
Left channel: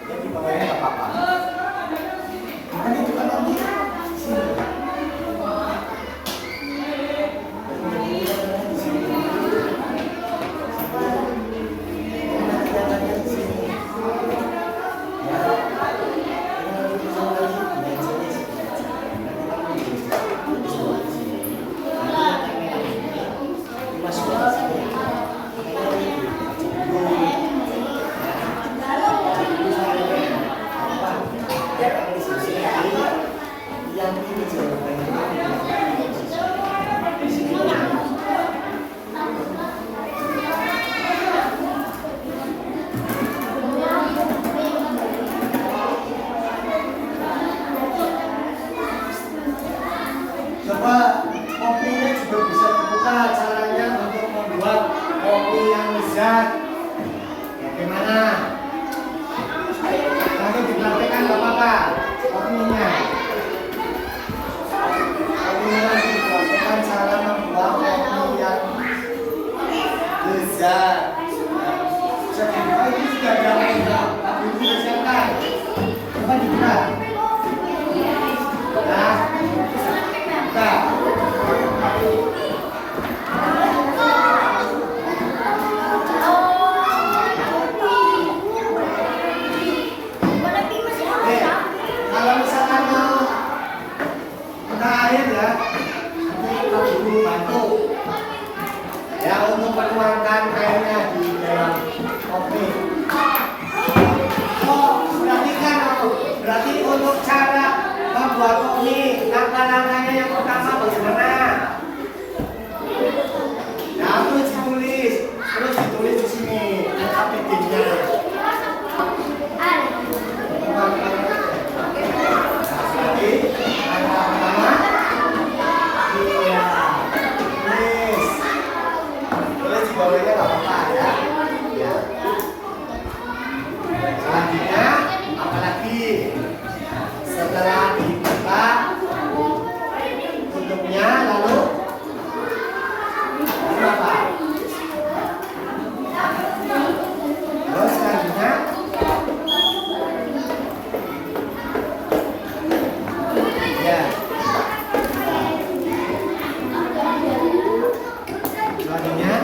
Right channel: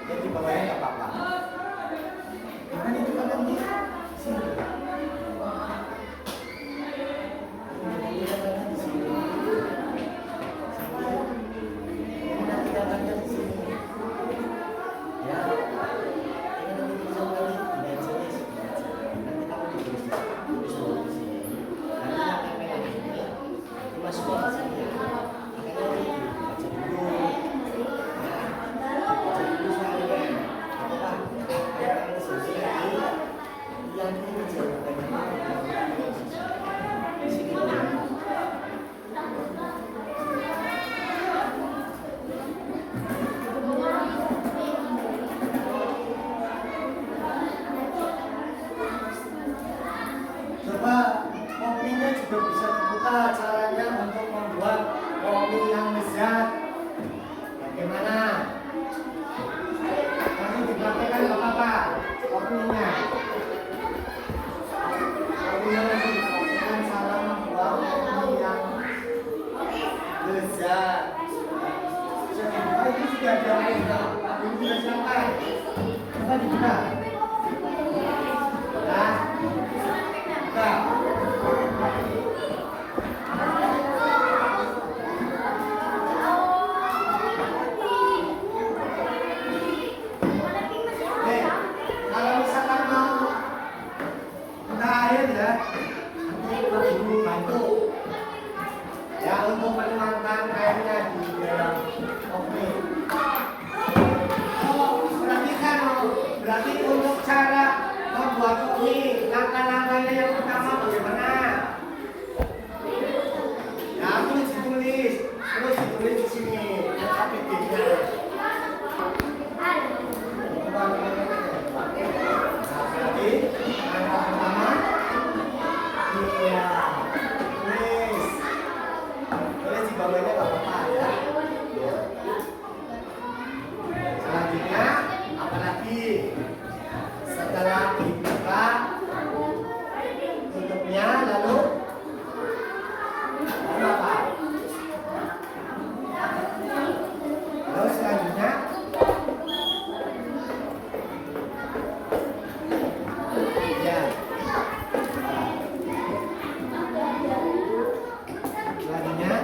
Ini di bawahnya nggak apa-apa. Mana itu kan nanti? Sini. Coba kopinya juga bisa dibuka caranya untuk membuat kopi yang lezat. Bagaimana? bisa. Oh, ini sudah ada lain ya. Tapi ini sudah siapkan. Coba dibuka. Nah, buka. Kalau misalkan mau udah air ya, nanti Pak Guru bantu ya untuk menuangkan airnya di dalam kopi. Oh, berarti untuk cara membuat kopi, langkah-langkahnya yang pertama bagaimana? Nah, terus ditulis di sini, lengkap bikinnya. Bawahnya nggak apa-apa ya. Ya. Selanjutnya apalagi setelah dibuka tutupnya lalu apa? Terus selanjutnya ya. Selanjutnya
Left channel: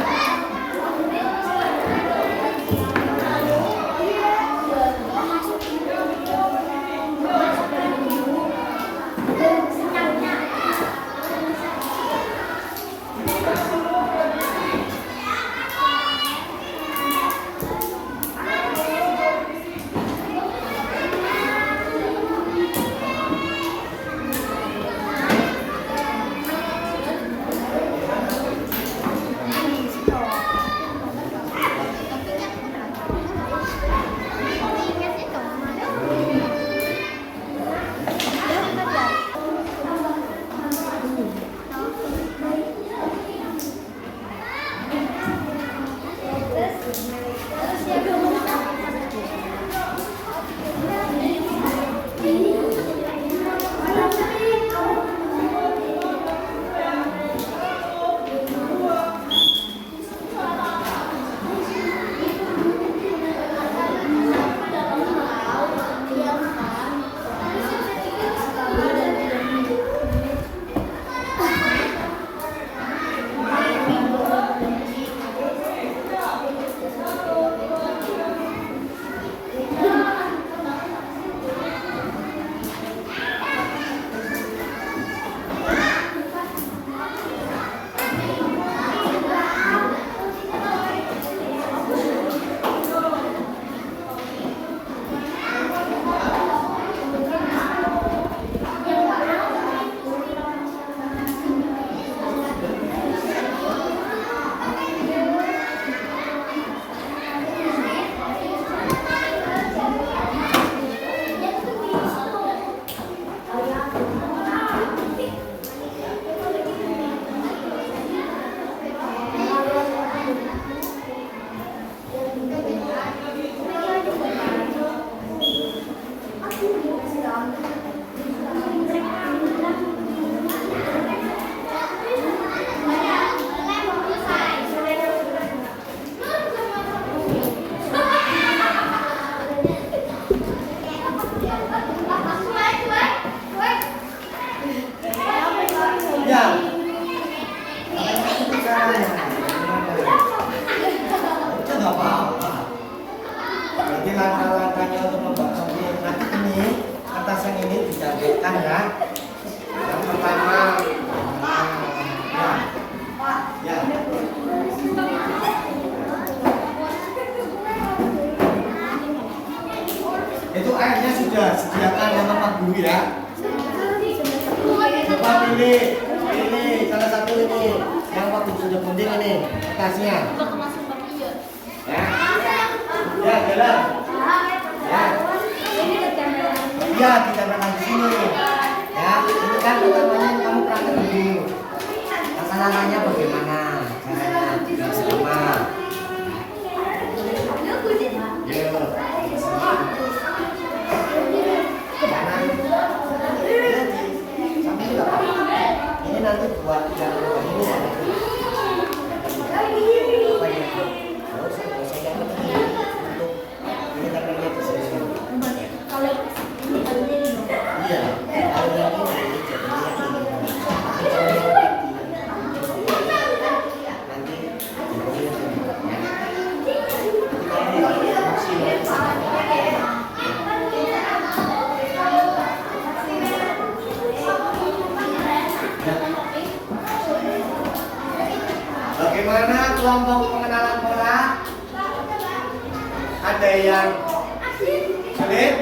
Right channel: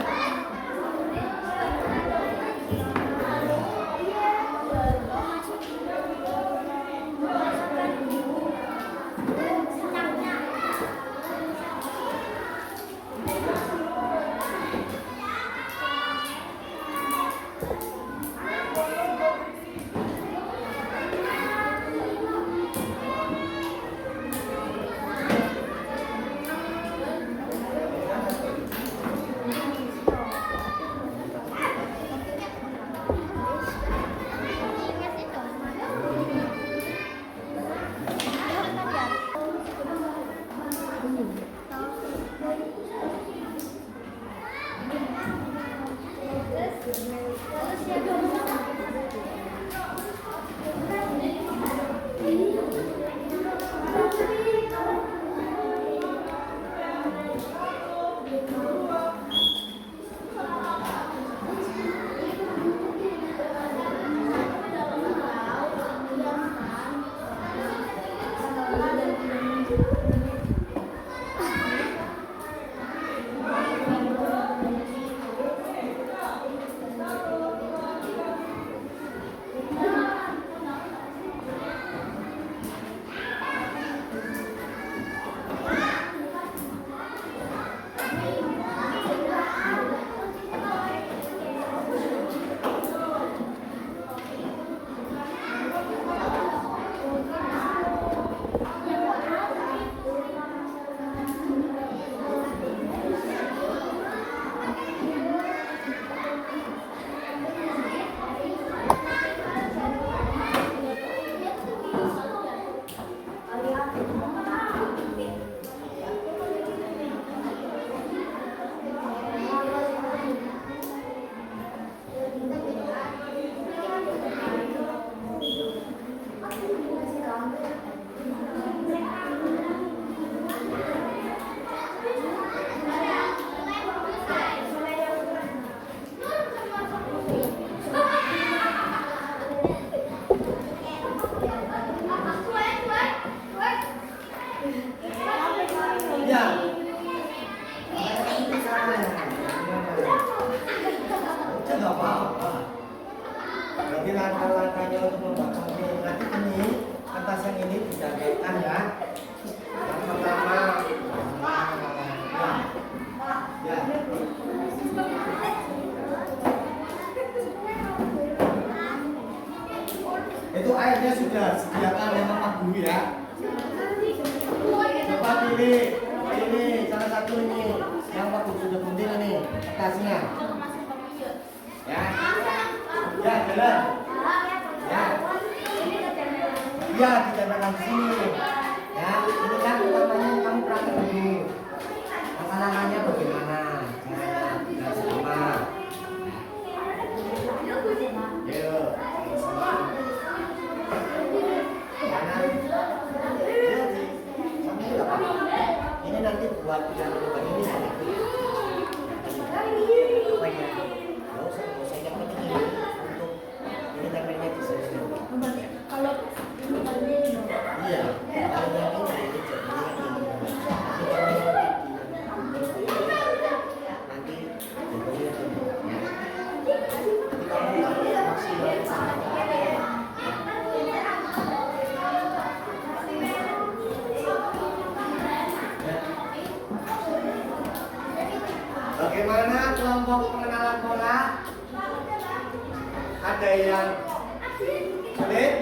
ya. Itu nggak apa-apa. Jadi langkah-langkahnya untuk membuat kopi nanti ini atas yang ini dicatatkan ya. Yang pertama, ya. Itu airnya sudah sediakan sama Pak Guru ya. Coba pilih ini salah satu ini yang Pak Guru sudah punding ini atasnya. Ya, ya jalan. Ya, iya ditempelkan di sini. Ya, ini kan utamanya kamu praktek dulu. Langkah-langkahnya bagaimana caranya biar sama. Yuk, sama. Ini nanti buat yang ini apa ya? Bagaimana kelompok pengenalan pola? Ada yang sulit?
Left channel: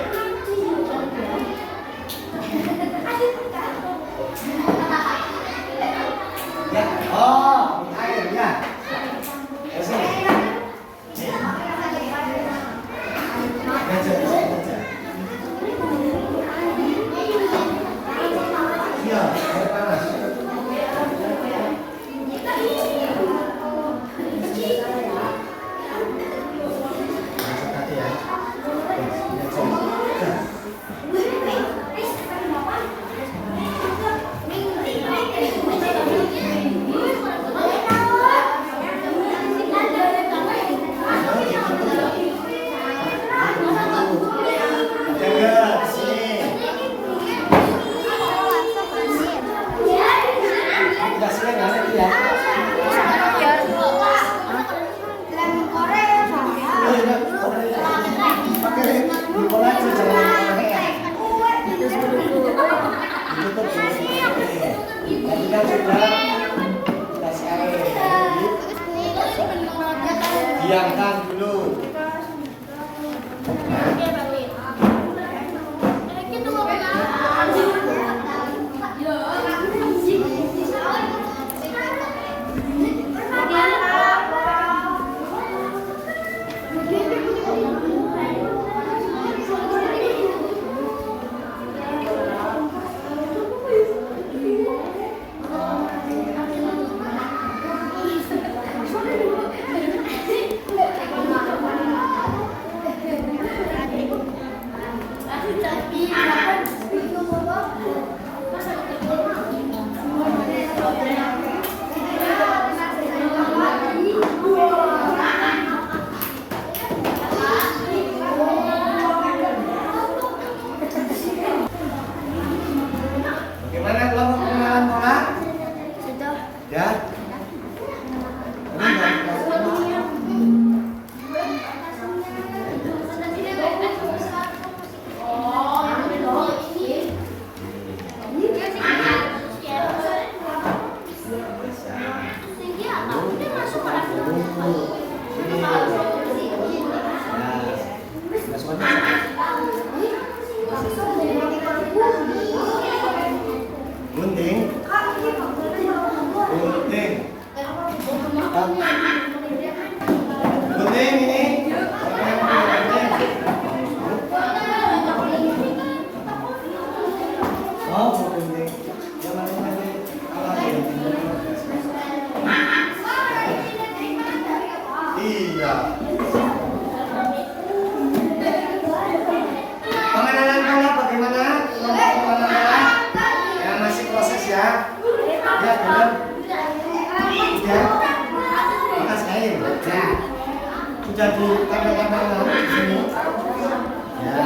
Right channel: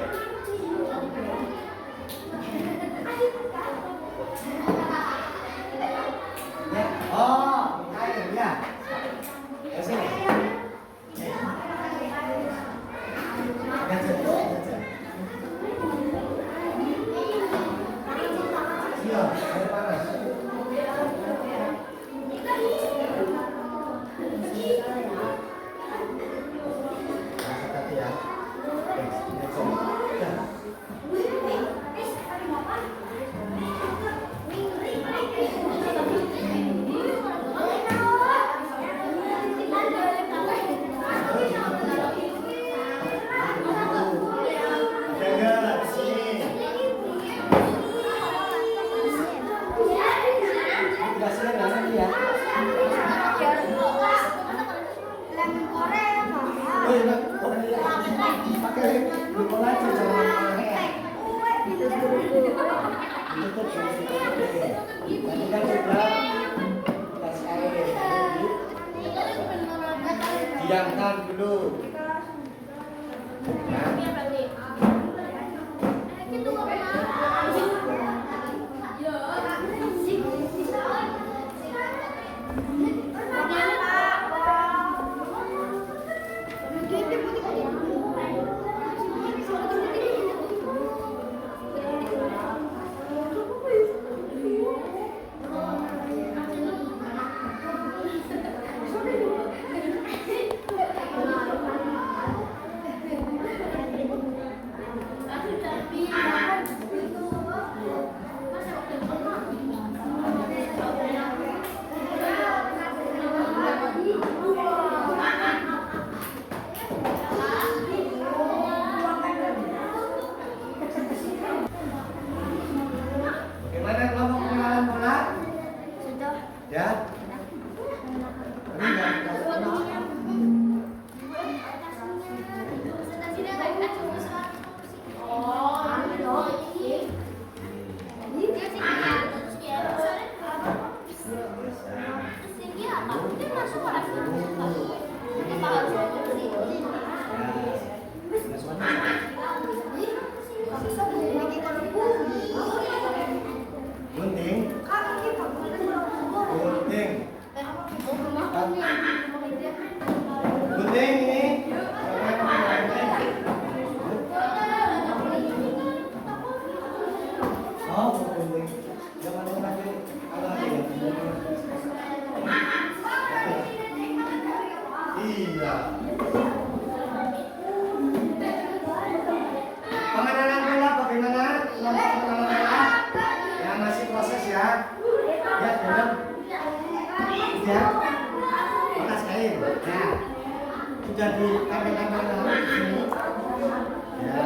Ya. Oh, air ya. Ya sini. Iya, air panas. Hati ya. Diamkan dulu. Bagaimana kelompok pengenalan pola? Sudah. Ya. Gunting. Gunting. Gunting ini. Oh, gunting. Jangan lagi. Iya. Pengenalan pola bagaimana? Kelompok pengenalan pola? Ya masih proses ya. Ya benar. Ya. Panas kain. Nah, sudah ditambah-tambah di sini. Ya.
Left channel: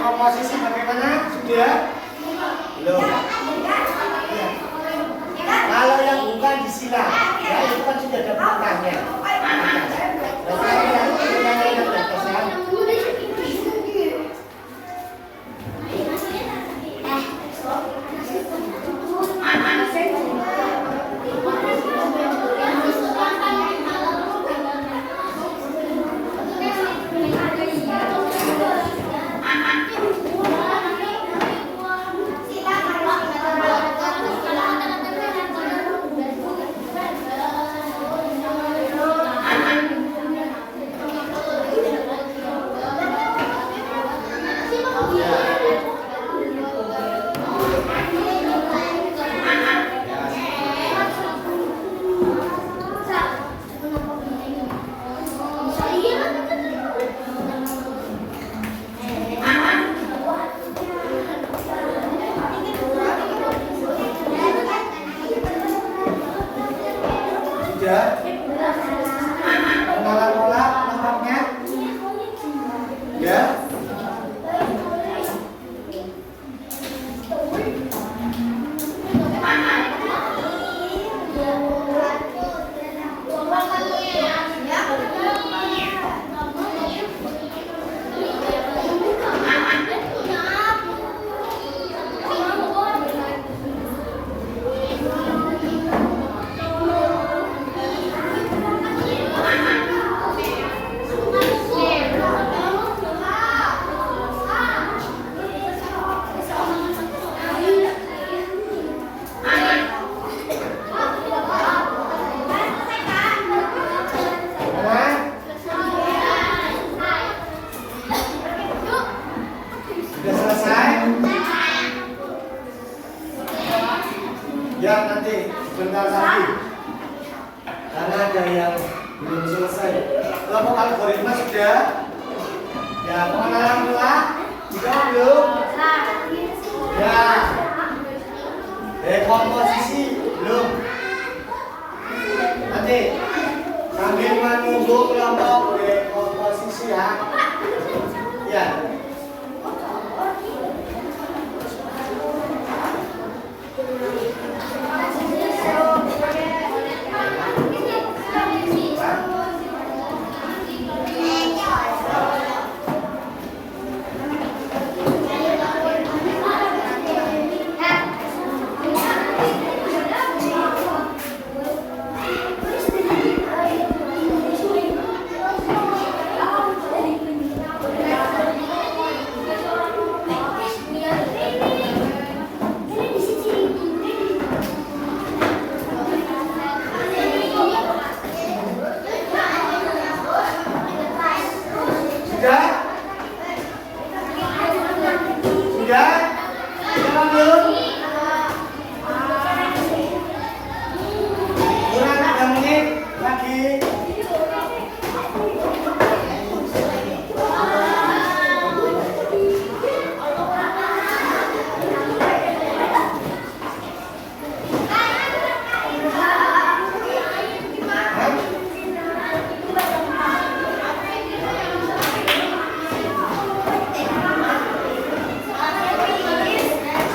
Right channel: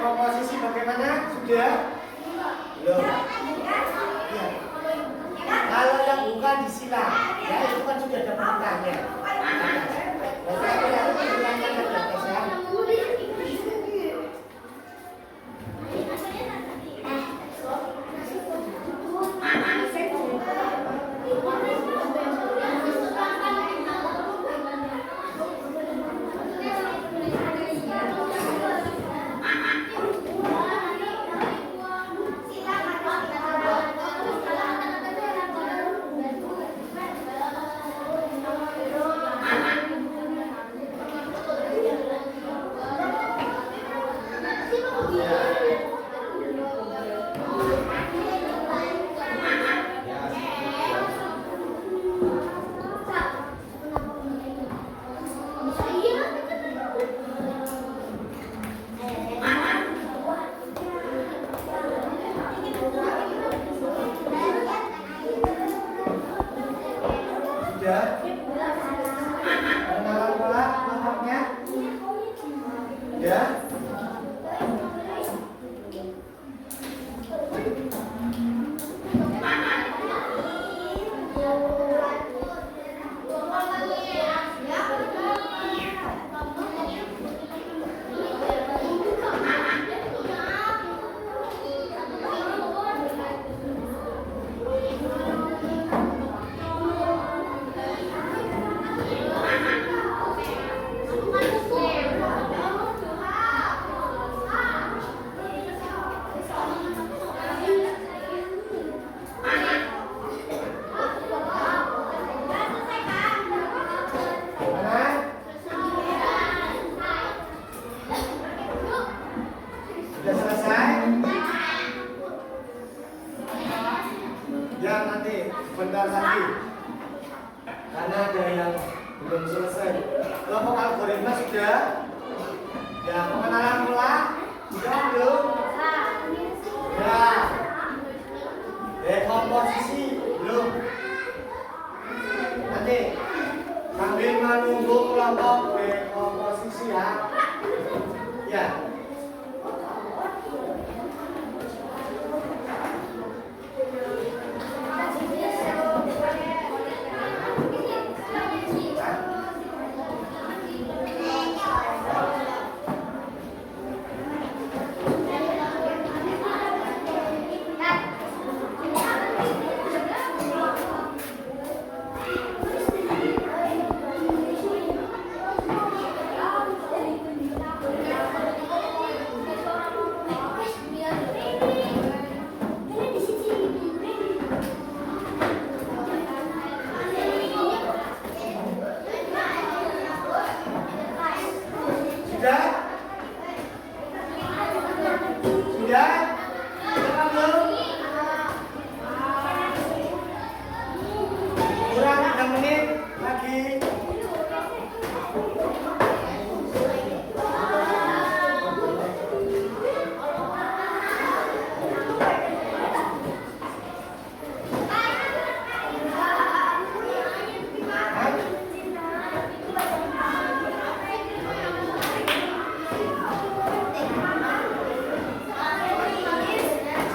Komposisi bagaimana? Sudah? Belum. Ya. Kalau yang bukan disilang, ya itu kan sudah ada pertanyaan. Kalau yang Lihat nanti sebentar lagi. Karena ada yang belum selesai. Kelompok algoritma sudah. Ya, pengenalan pula. Sudah belum? Ya. Dekomposisi belum. Nanti sambil menunggu kelompok dekomposisi ya. Ya. Sudah? Sudah? Sudah belum? Kurang 3 menit lagi.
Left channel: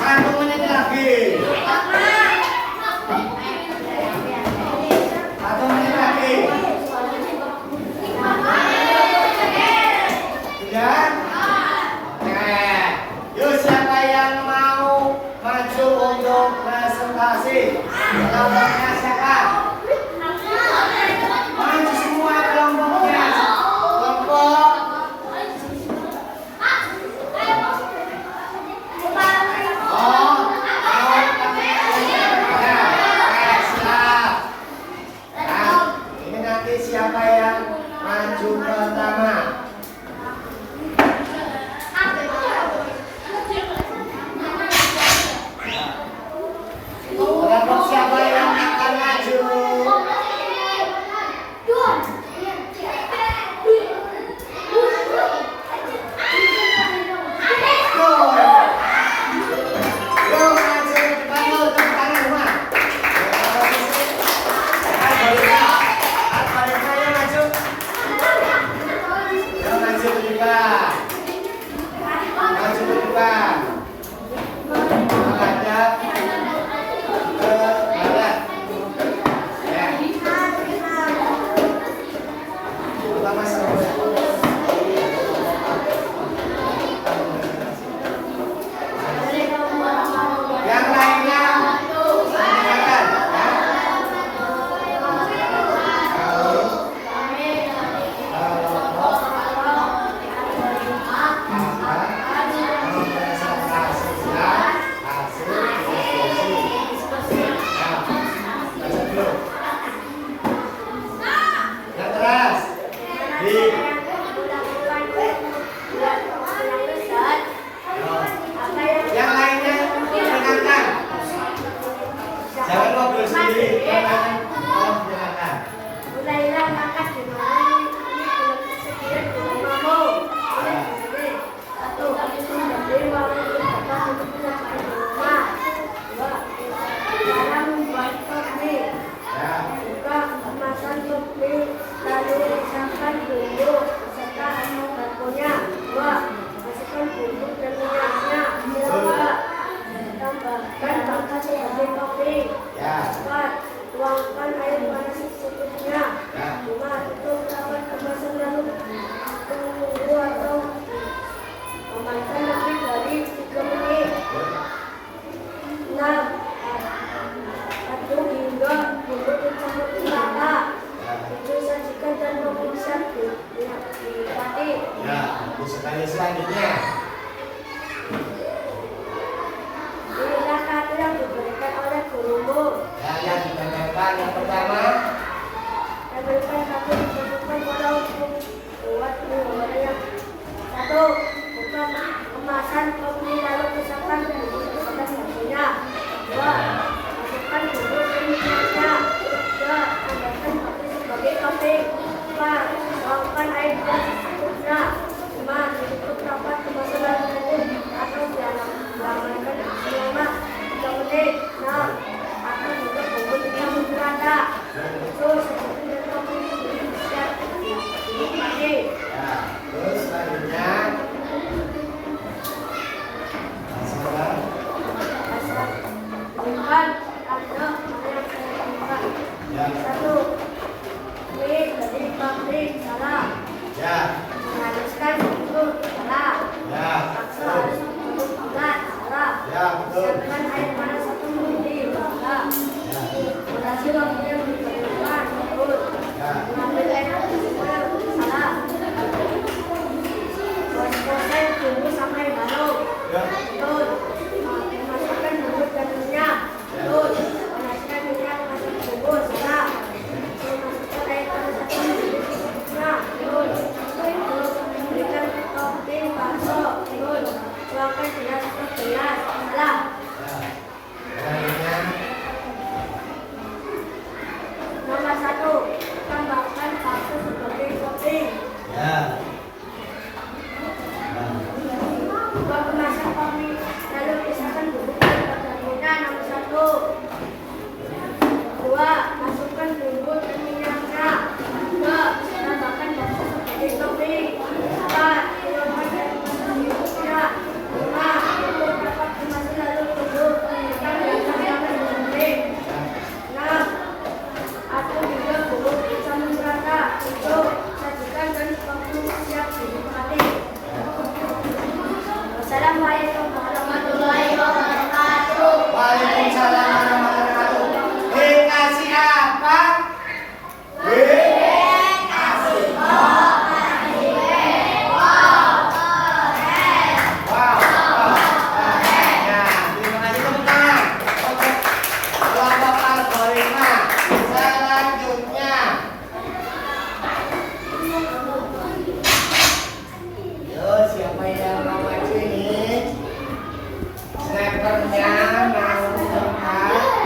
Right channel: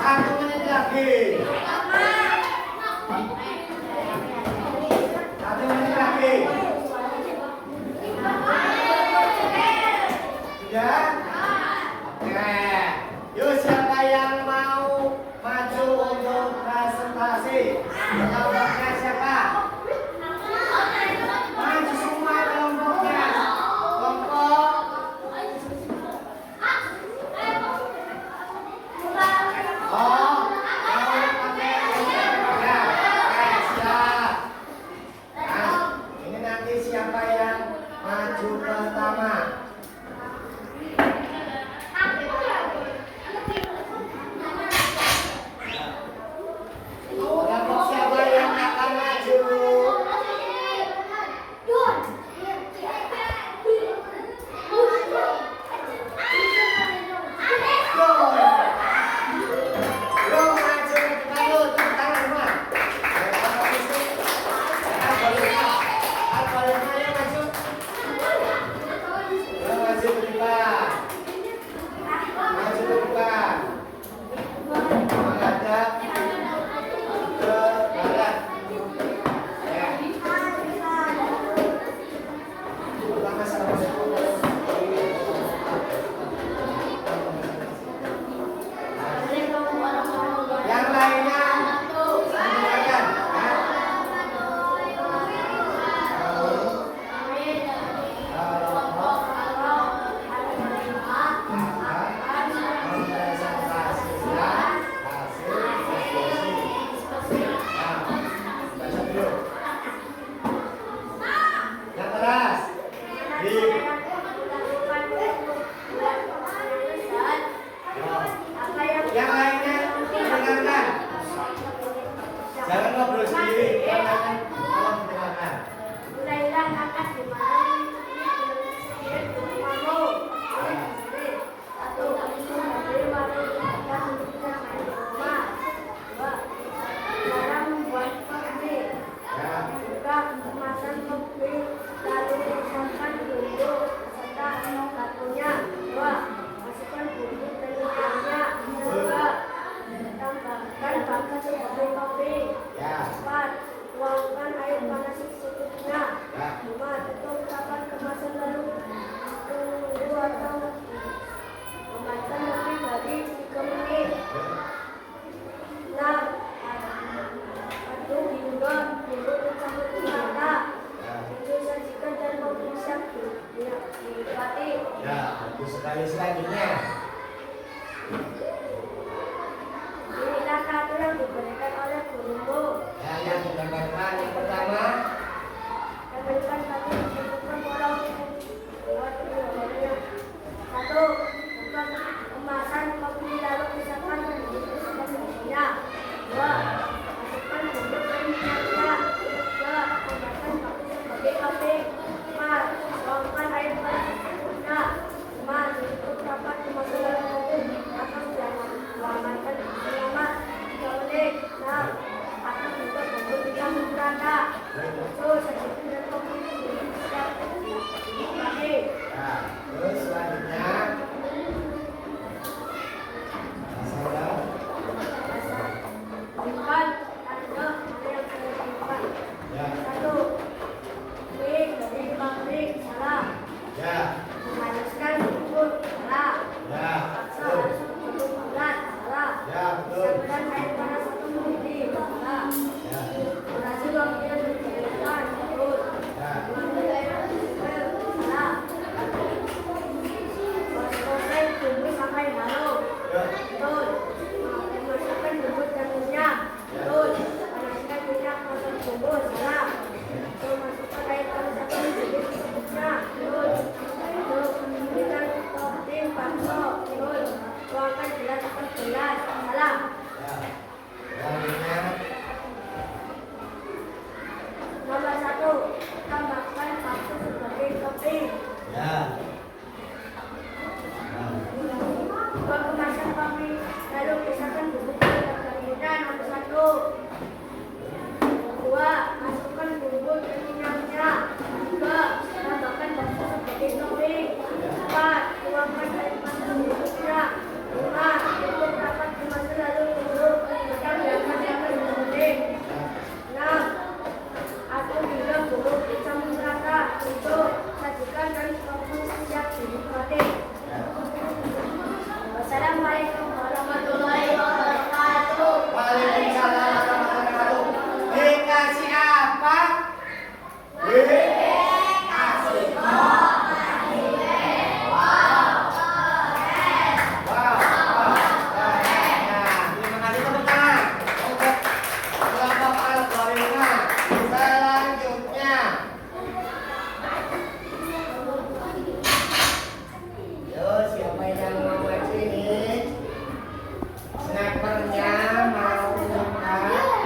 Satu menit lagi. Satu menit lagi. Sudah? Oke. Yuk, siapa yang mau maju untuk presentasi? Kelompoknya siapa? Maju semua kelompoknya. Kelompok. Oh, ya, siap. Nah, ini nanti siapa yang maju pertama? Kelompok siapa yang akan maju? Yuk, maju ke depan yuk, tepuk tangan semua. Algoritma, yuk maju. Yuk maju ke depan. Maju ke depan. Menghadap ke barat. Ya. Pertama sama. Yang lainnya mendengarkan, ya. Mempresentasikan hasil diskusi. Nah, baca dulu. Yang keras. Di. Yang lainnya mendengarkan. Jangan ngobrol sendiri. Yang lainnya tolong mendengarkan. Mulailah makan di mana ini belum tersedia di rumahmu. Satu, menjadi warung di depan untuk mencapai rumah. Dua, dalam membuat kopi. Ya. Tiga, kemasan kopi lalu risaukan bumbu beserta batunya. Dua, masukkan bumbu dan minyaknya. Tiga, tambahkan bangka sebagai kopi. Ya. Empat, tuangkan air panas secukupnya. Ya. 5. Tutup rapat kemasan lalu tunggu atau memainkan lebih dari 3 menit. 6. Aduk hingga bumbu tercampur rata. 7. Sajikan dan memeriksa dinikmati. Ya, untuk sekali selanjutnya. Inilah kata yang diberikan oleh gurumu. Ya, yang didengarkan yang pertama. Dan berikan kata yang ditentukan pada hukum buat yang. 1. Buka kemasan kopi lalu pisahkan bumbu beserta bumbunya. 2. Masukkan Ya, betul. Siapkan air panas 1 mendidih. Salah. Ya. Batasi waktunya berjam-jam. Betul. Ya. Mengambil air panas supaya salah. Proses tunggu sampai harum. Ya. Betul. Masukkan bumbu dan minyak. Betul. Panaskan minyak masuk bumbu. Salah. Betul. Masukkan air panas 1 mendidih secukupnya. Betul. Betul. Berikan topping bakso. Betul. Tuangkan gelas ke gelas. Salah. Ya. Selanjutnya. Nomor 1. Tambahkan bakso sebagai topping. Ya. Nah. Buka kemasan kopi, lalu pisahkan bumbu dan bumbunya. Nomor 1. 2. Masukkan bumbu dan minyaknya. 3. Tambahkan bakso sebagai topping. 4. Tuangkan air panas secukupnya. 5. Tutup rapat kemasan lalu tunggu ketika biarkan sampai mendidih. 6. Aduk hingga bumbu campur rata. 7. Sajikan dan waktu siap dinikmati. Wassalamualaikum warahmatullahi wabarakatuh. Waalaikumsalam warahmatullahi wabarakatuh. Dikasih apa? Wow, ya, terima kasih tepuk tangan untuk kelompok algoritma. Selanjutnya, yo siapa yang mau maju ini? Snipernya mau tempat.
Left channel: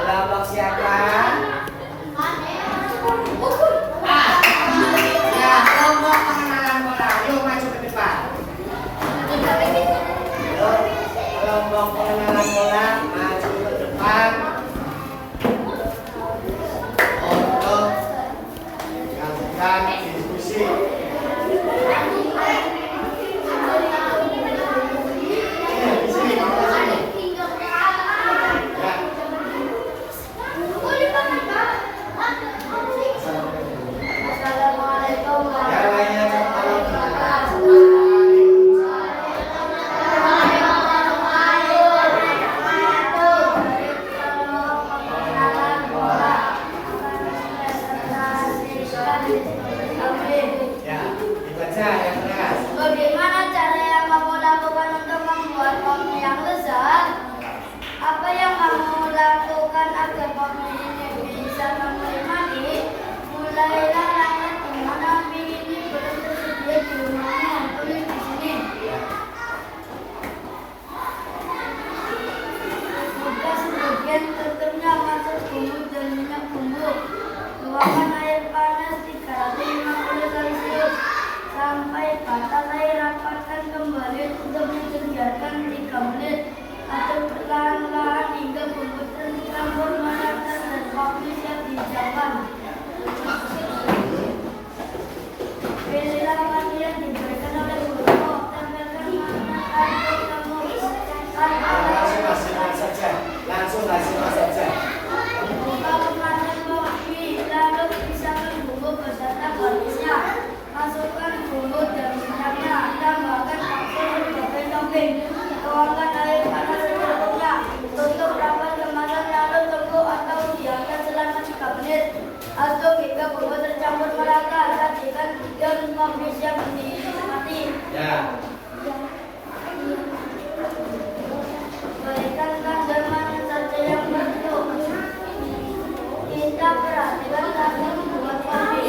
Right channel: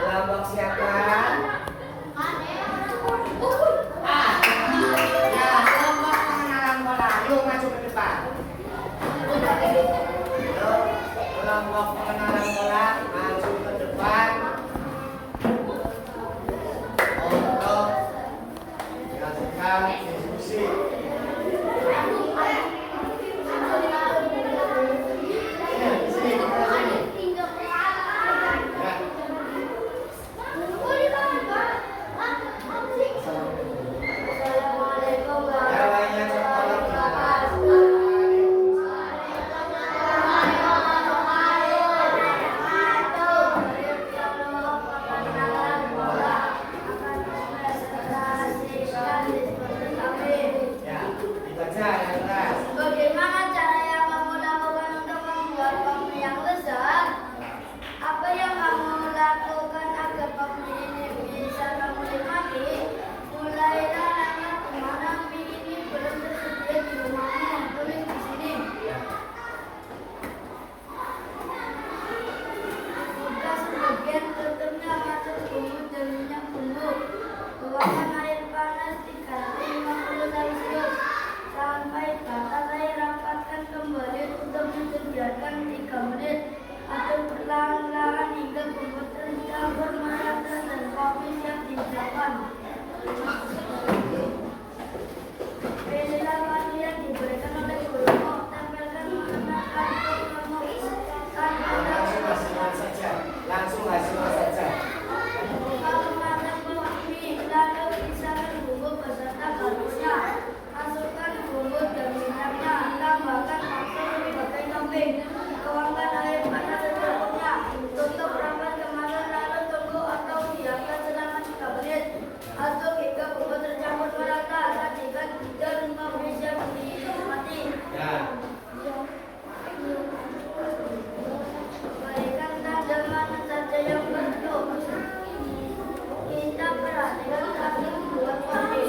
Kelompok siapa? Ya, kelompok pengenalan bola. Yuk maju ke depan. Yuk, kelompok pengenalan bola maju ke depan untuk dilakukan diskusi. Di sini, di sini. Ya. Assalamualaikum Yang lainnya kalau ya dibaca yang keras. Bagaimana cara yang kamu lakukan untuk membuat kopi yang lezat? Apa yang kamu lakukan agar kopi ini bisa kamu nikmati? Mulailah lanjut kemana mie ini belum tersedia di rumahmu. Tulis di sini. Buka sebagian tutupnya, masuk bumbu dan minyak bumbu. Tuangkan air panas 350 Celcius sampai batas air. Rapatkan kembali, tutup dibiarkan 3 menit. Aduk perlahan-lahan hingga bumbu tercampur merata dan kopi siap dihidangkan. Pilihlah menu yang diberikan oleh gurumu. Tempelkan mana kartu kamu Langsung saja. Langsung saja. Buka kemasan kopi, lalu pisahkan bumbu beserta garnisnya. Masukkan bumbu dan minyaknya. Tambahkan bakso sebagai topping. Tuangkan air panas secukupnya. Tutup rapat kemasan lalu tunggu atau diamkan selama 3 menit. Aduk hingga bumbu tercampur merata. Sajikan dan kopi siap dinikmati. Ya. Berikan tanda mana saja yang bentuk. Kita perhatikan kami membuat kopi.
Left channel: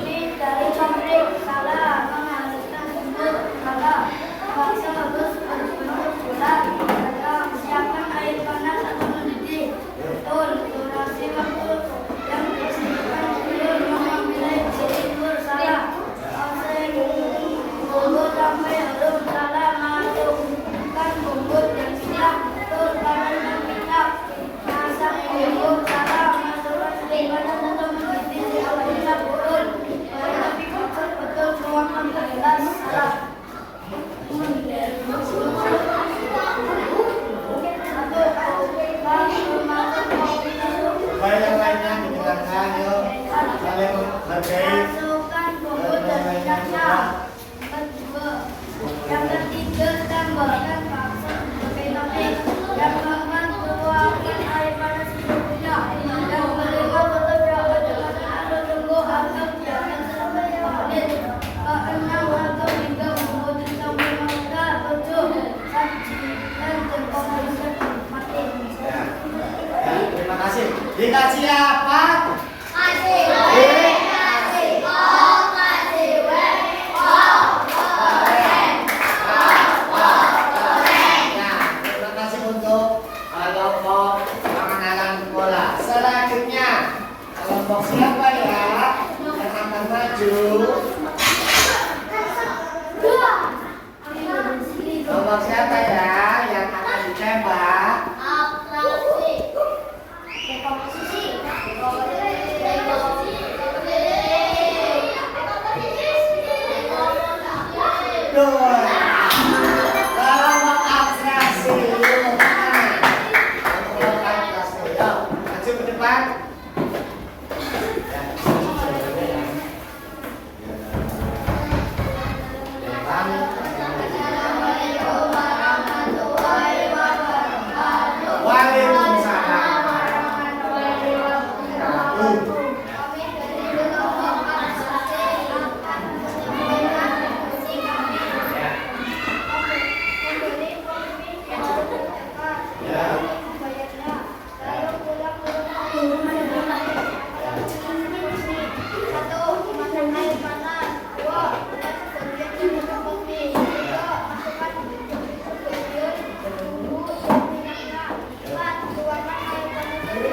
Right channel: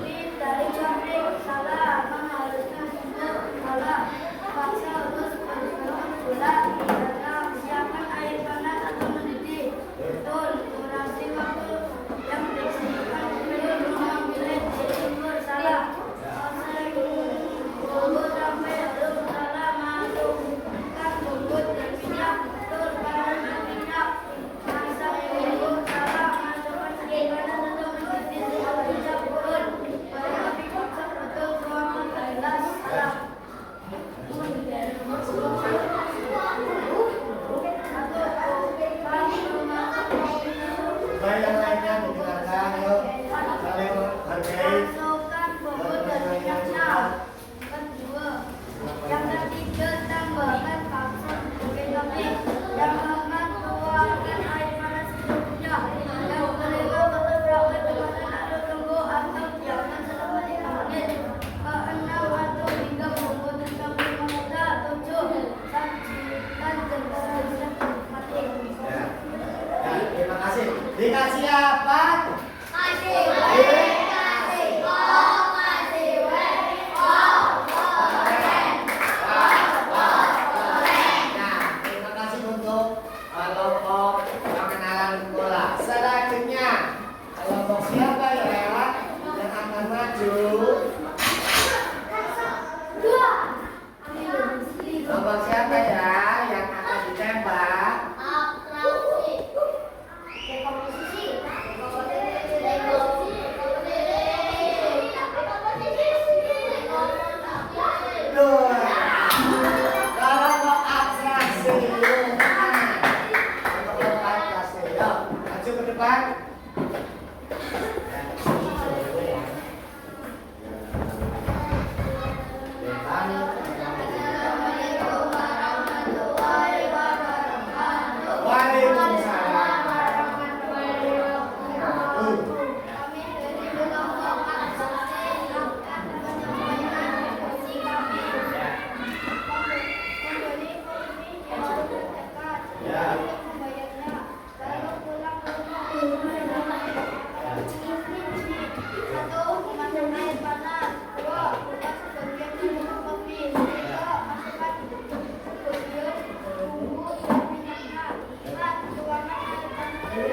Mie dari pabrik. Salah. Menghaluskan bumbu. Salah. Bakso harus berbentuk bulat. Salah. Siapkan air panas 1 mendidih. Betul. Durasi waktu yang disediakan belum mengambil timur. Salah. Proses bumbu sampai Betul. Kalau mau abstraksi, yuk. Kalau abstraksi, yuk. Maju ke depan. Ya. Depan. Waalaikumsalam. Kami dari kelompok abstraksi akan menyampaikan visi kami. Membeli komik yang terdekat untuk membayarnya, lalu pulang ke rumah untuk menemukan. Satu, memasak air panas. Dua, buat sebagian minum kopi. Tiga, masukkan sebagian bumbu dan minyaknya. Empat, tuangkan air panas dari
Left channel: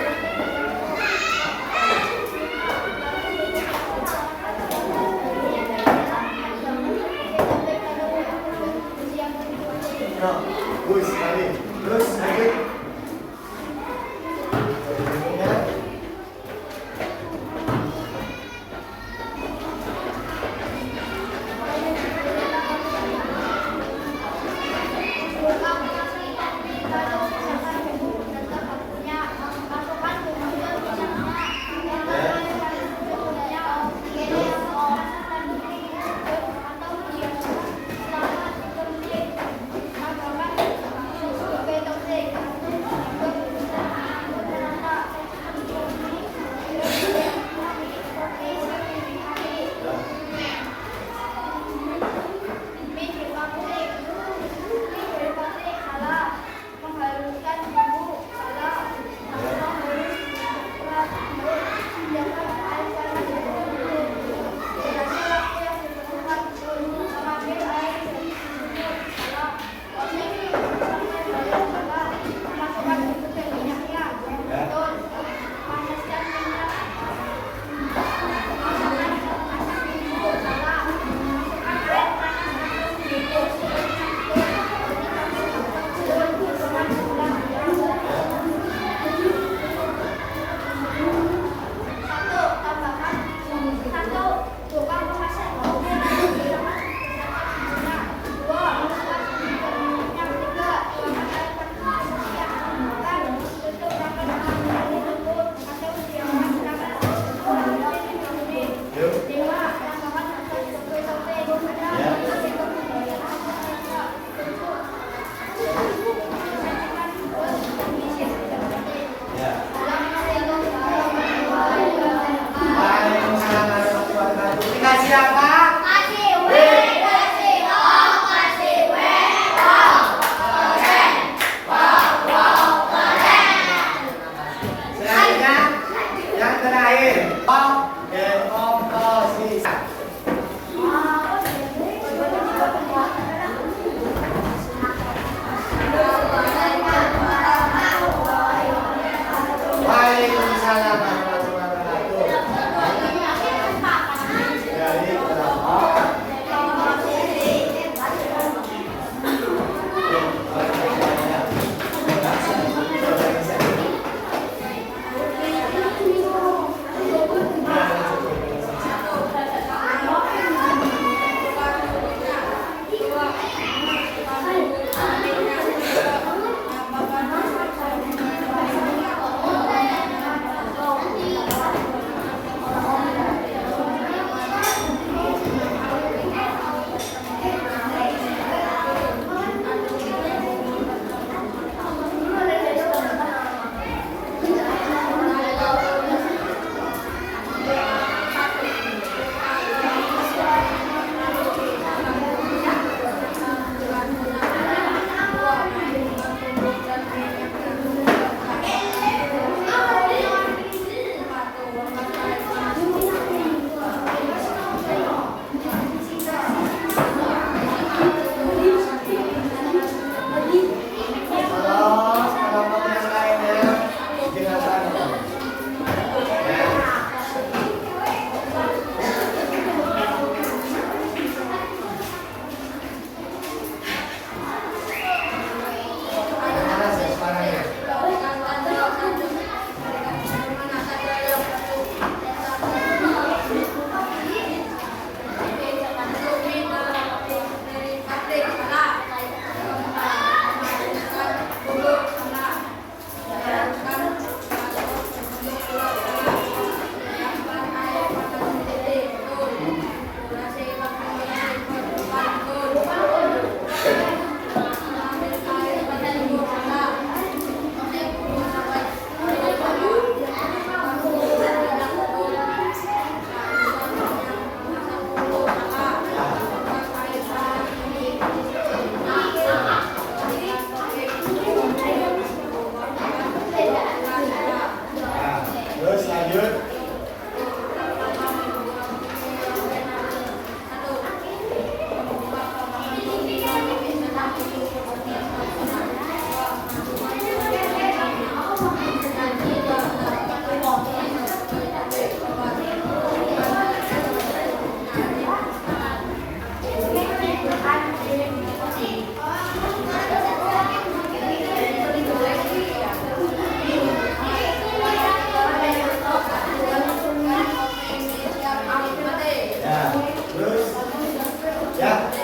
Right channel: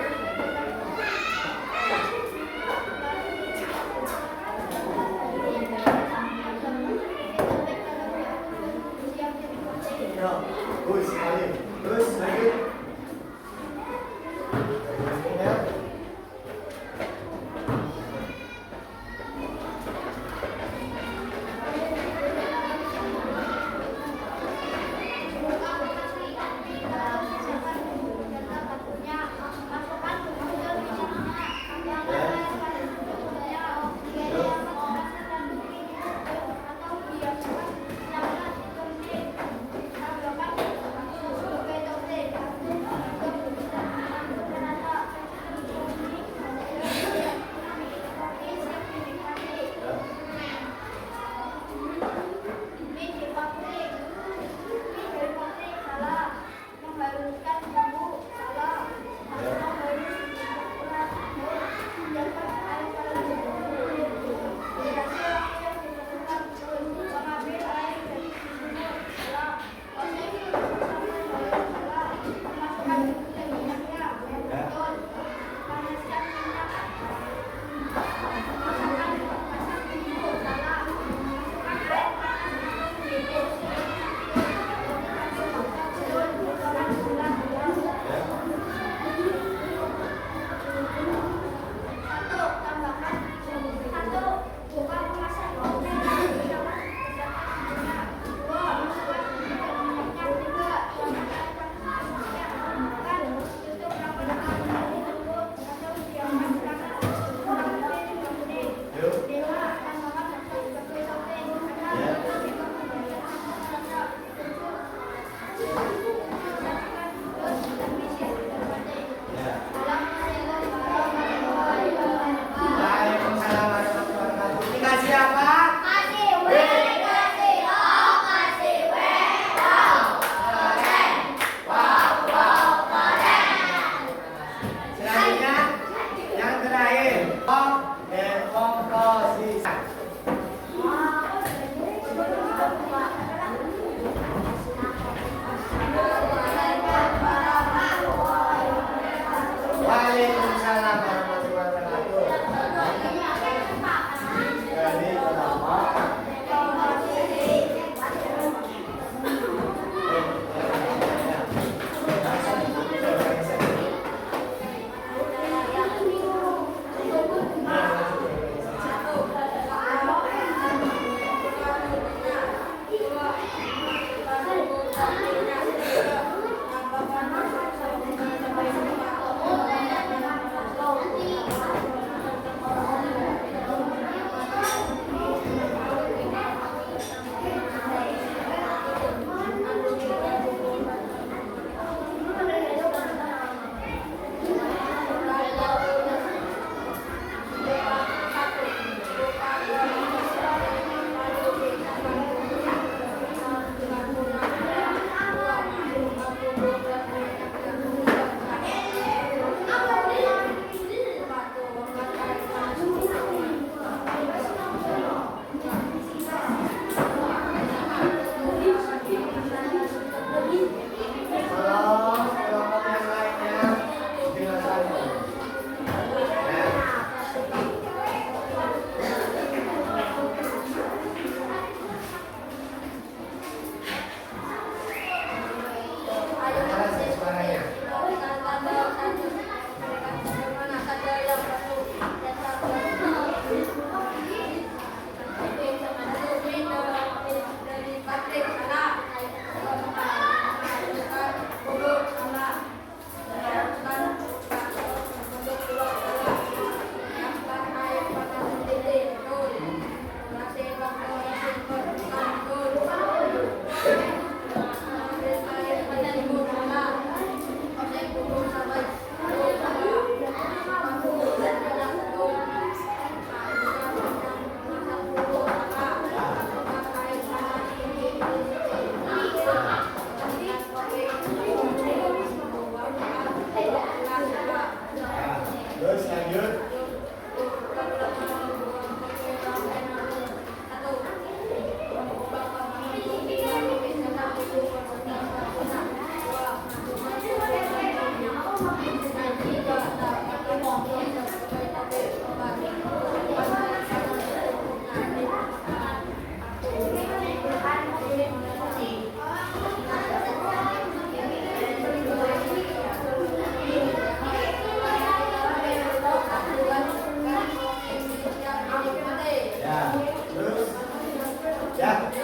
Bagus sekali. Terus lagi.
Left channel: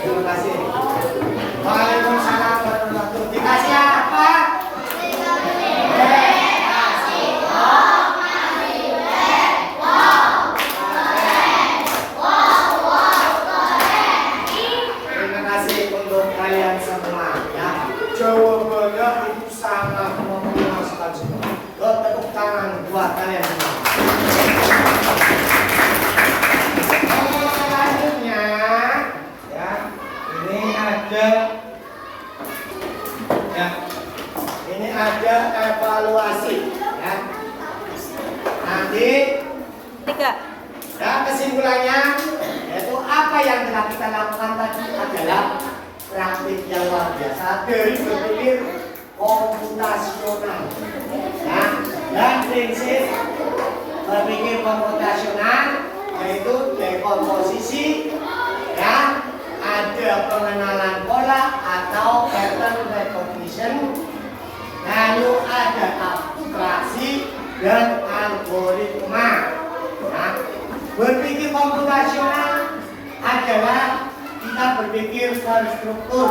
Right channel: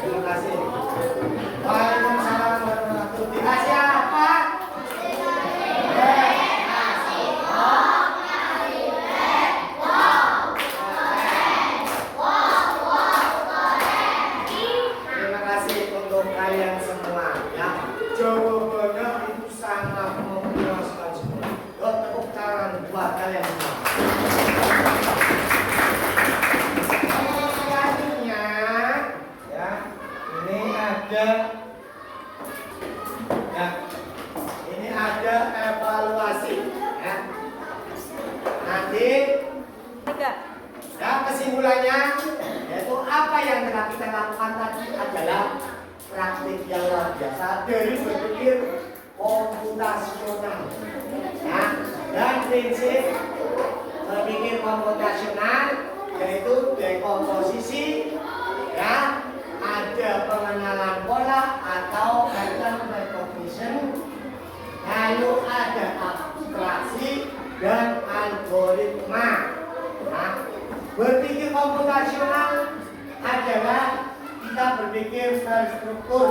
Terima kasih. Waalaikumsalam warahmatullahi wabarakatuh. Dikasih apa? Terima kasih untuk kalian semua ya. Jawabannya itu sangat memuaskan semua. Tepuk tangan buat kalian semua. Selanjutnya ya, ini ada ya, ini ada evaluasi ya. Nanti ya kesimpulannya yaitu apa yang telah kita lakukan tadi adalah praktik yang luar biasa dari berpikir komputasional ya, dan prinsip berpikir komputasional yaitu dekomposisi ya, ada pengenalan pola atau pattern recognition, lalu ada abstraksi dan algoritma. Nah, berpikir komputasional adalah kita berpikir terstruktur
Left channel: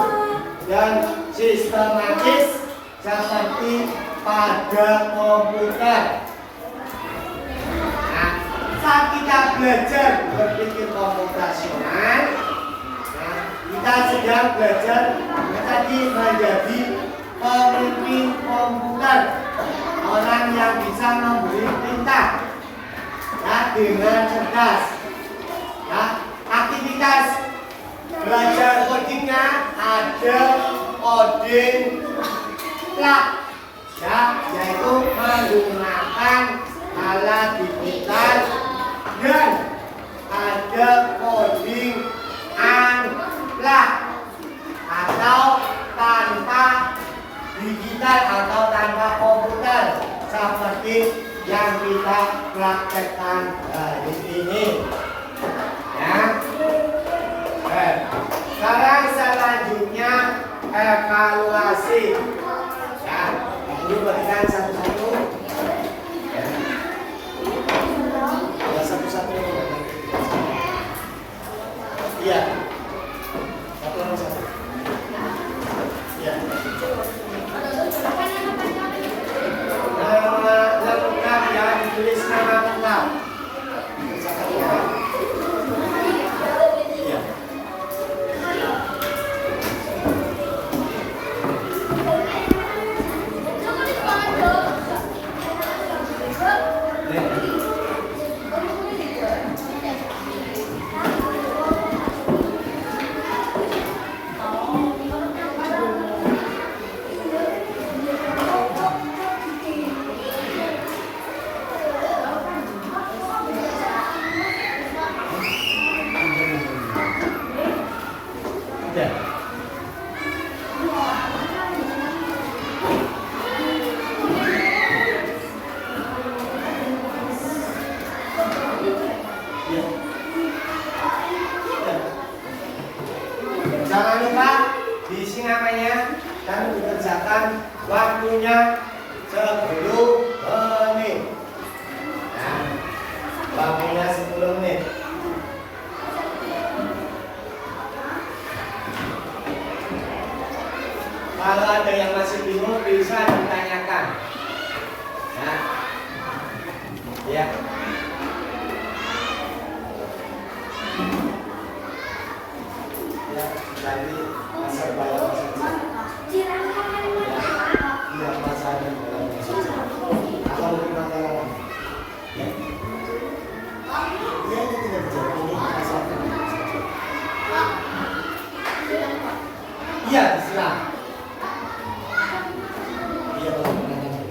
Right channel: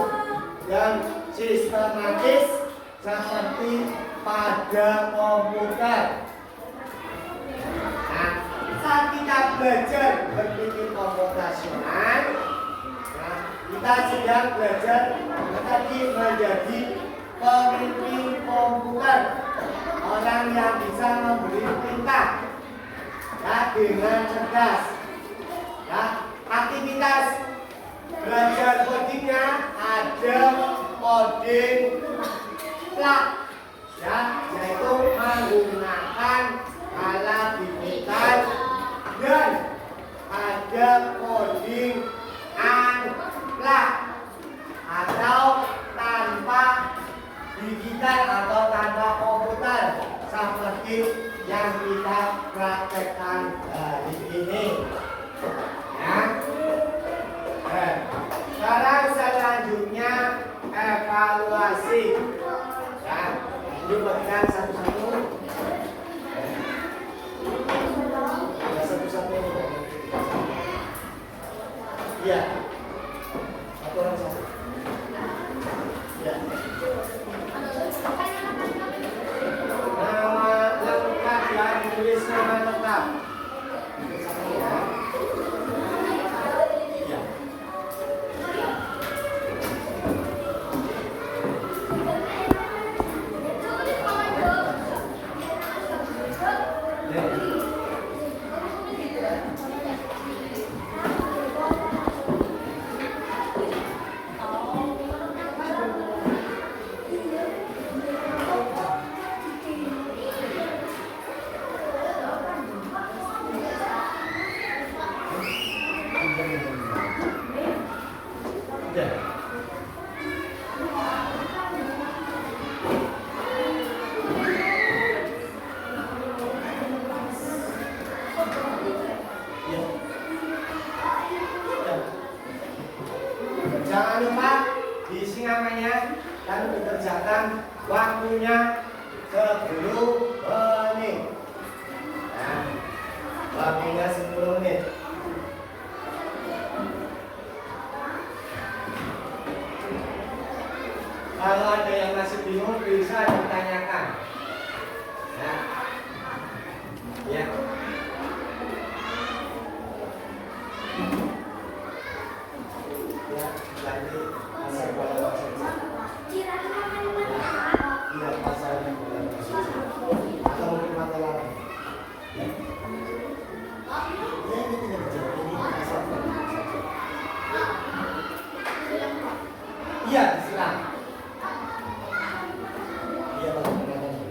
dan sistematis seperti pada komputer. Nah, saat kita belajar berpikir komputasional, nah, kita sedang belajar tadi menjadi pemimpin komputer, orang yang bisa memberi perintah ya, dengan cerdas. Ya, aktivitas belajar codingnya ada coding plug ya, yaitu menggunakan alat digital, dan ada coding unplug atau tanpa digital atau tanpa komputer seperti yang kita praktekkan hari ini ya. Sekarang selanjutnya evaluasi ya, ini berikan satu-satu ya, satu-satu iya, satu orang satu ya. Nama lengkap ya, ditulis nama lengkap. Iya. Jangan lupa diisi namanya dan dikerjakan waktunya 10 menit. Nah, waktunya 10 menit. Kalau ada yang masih bingung bisa ditanyakan. Nah, ya. Nanti masa bayar iya masanya atau mungkin masalah ya ini tidak dijawab ini disampaikan iya diserang iya kalau mengatakan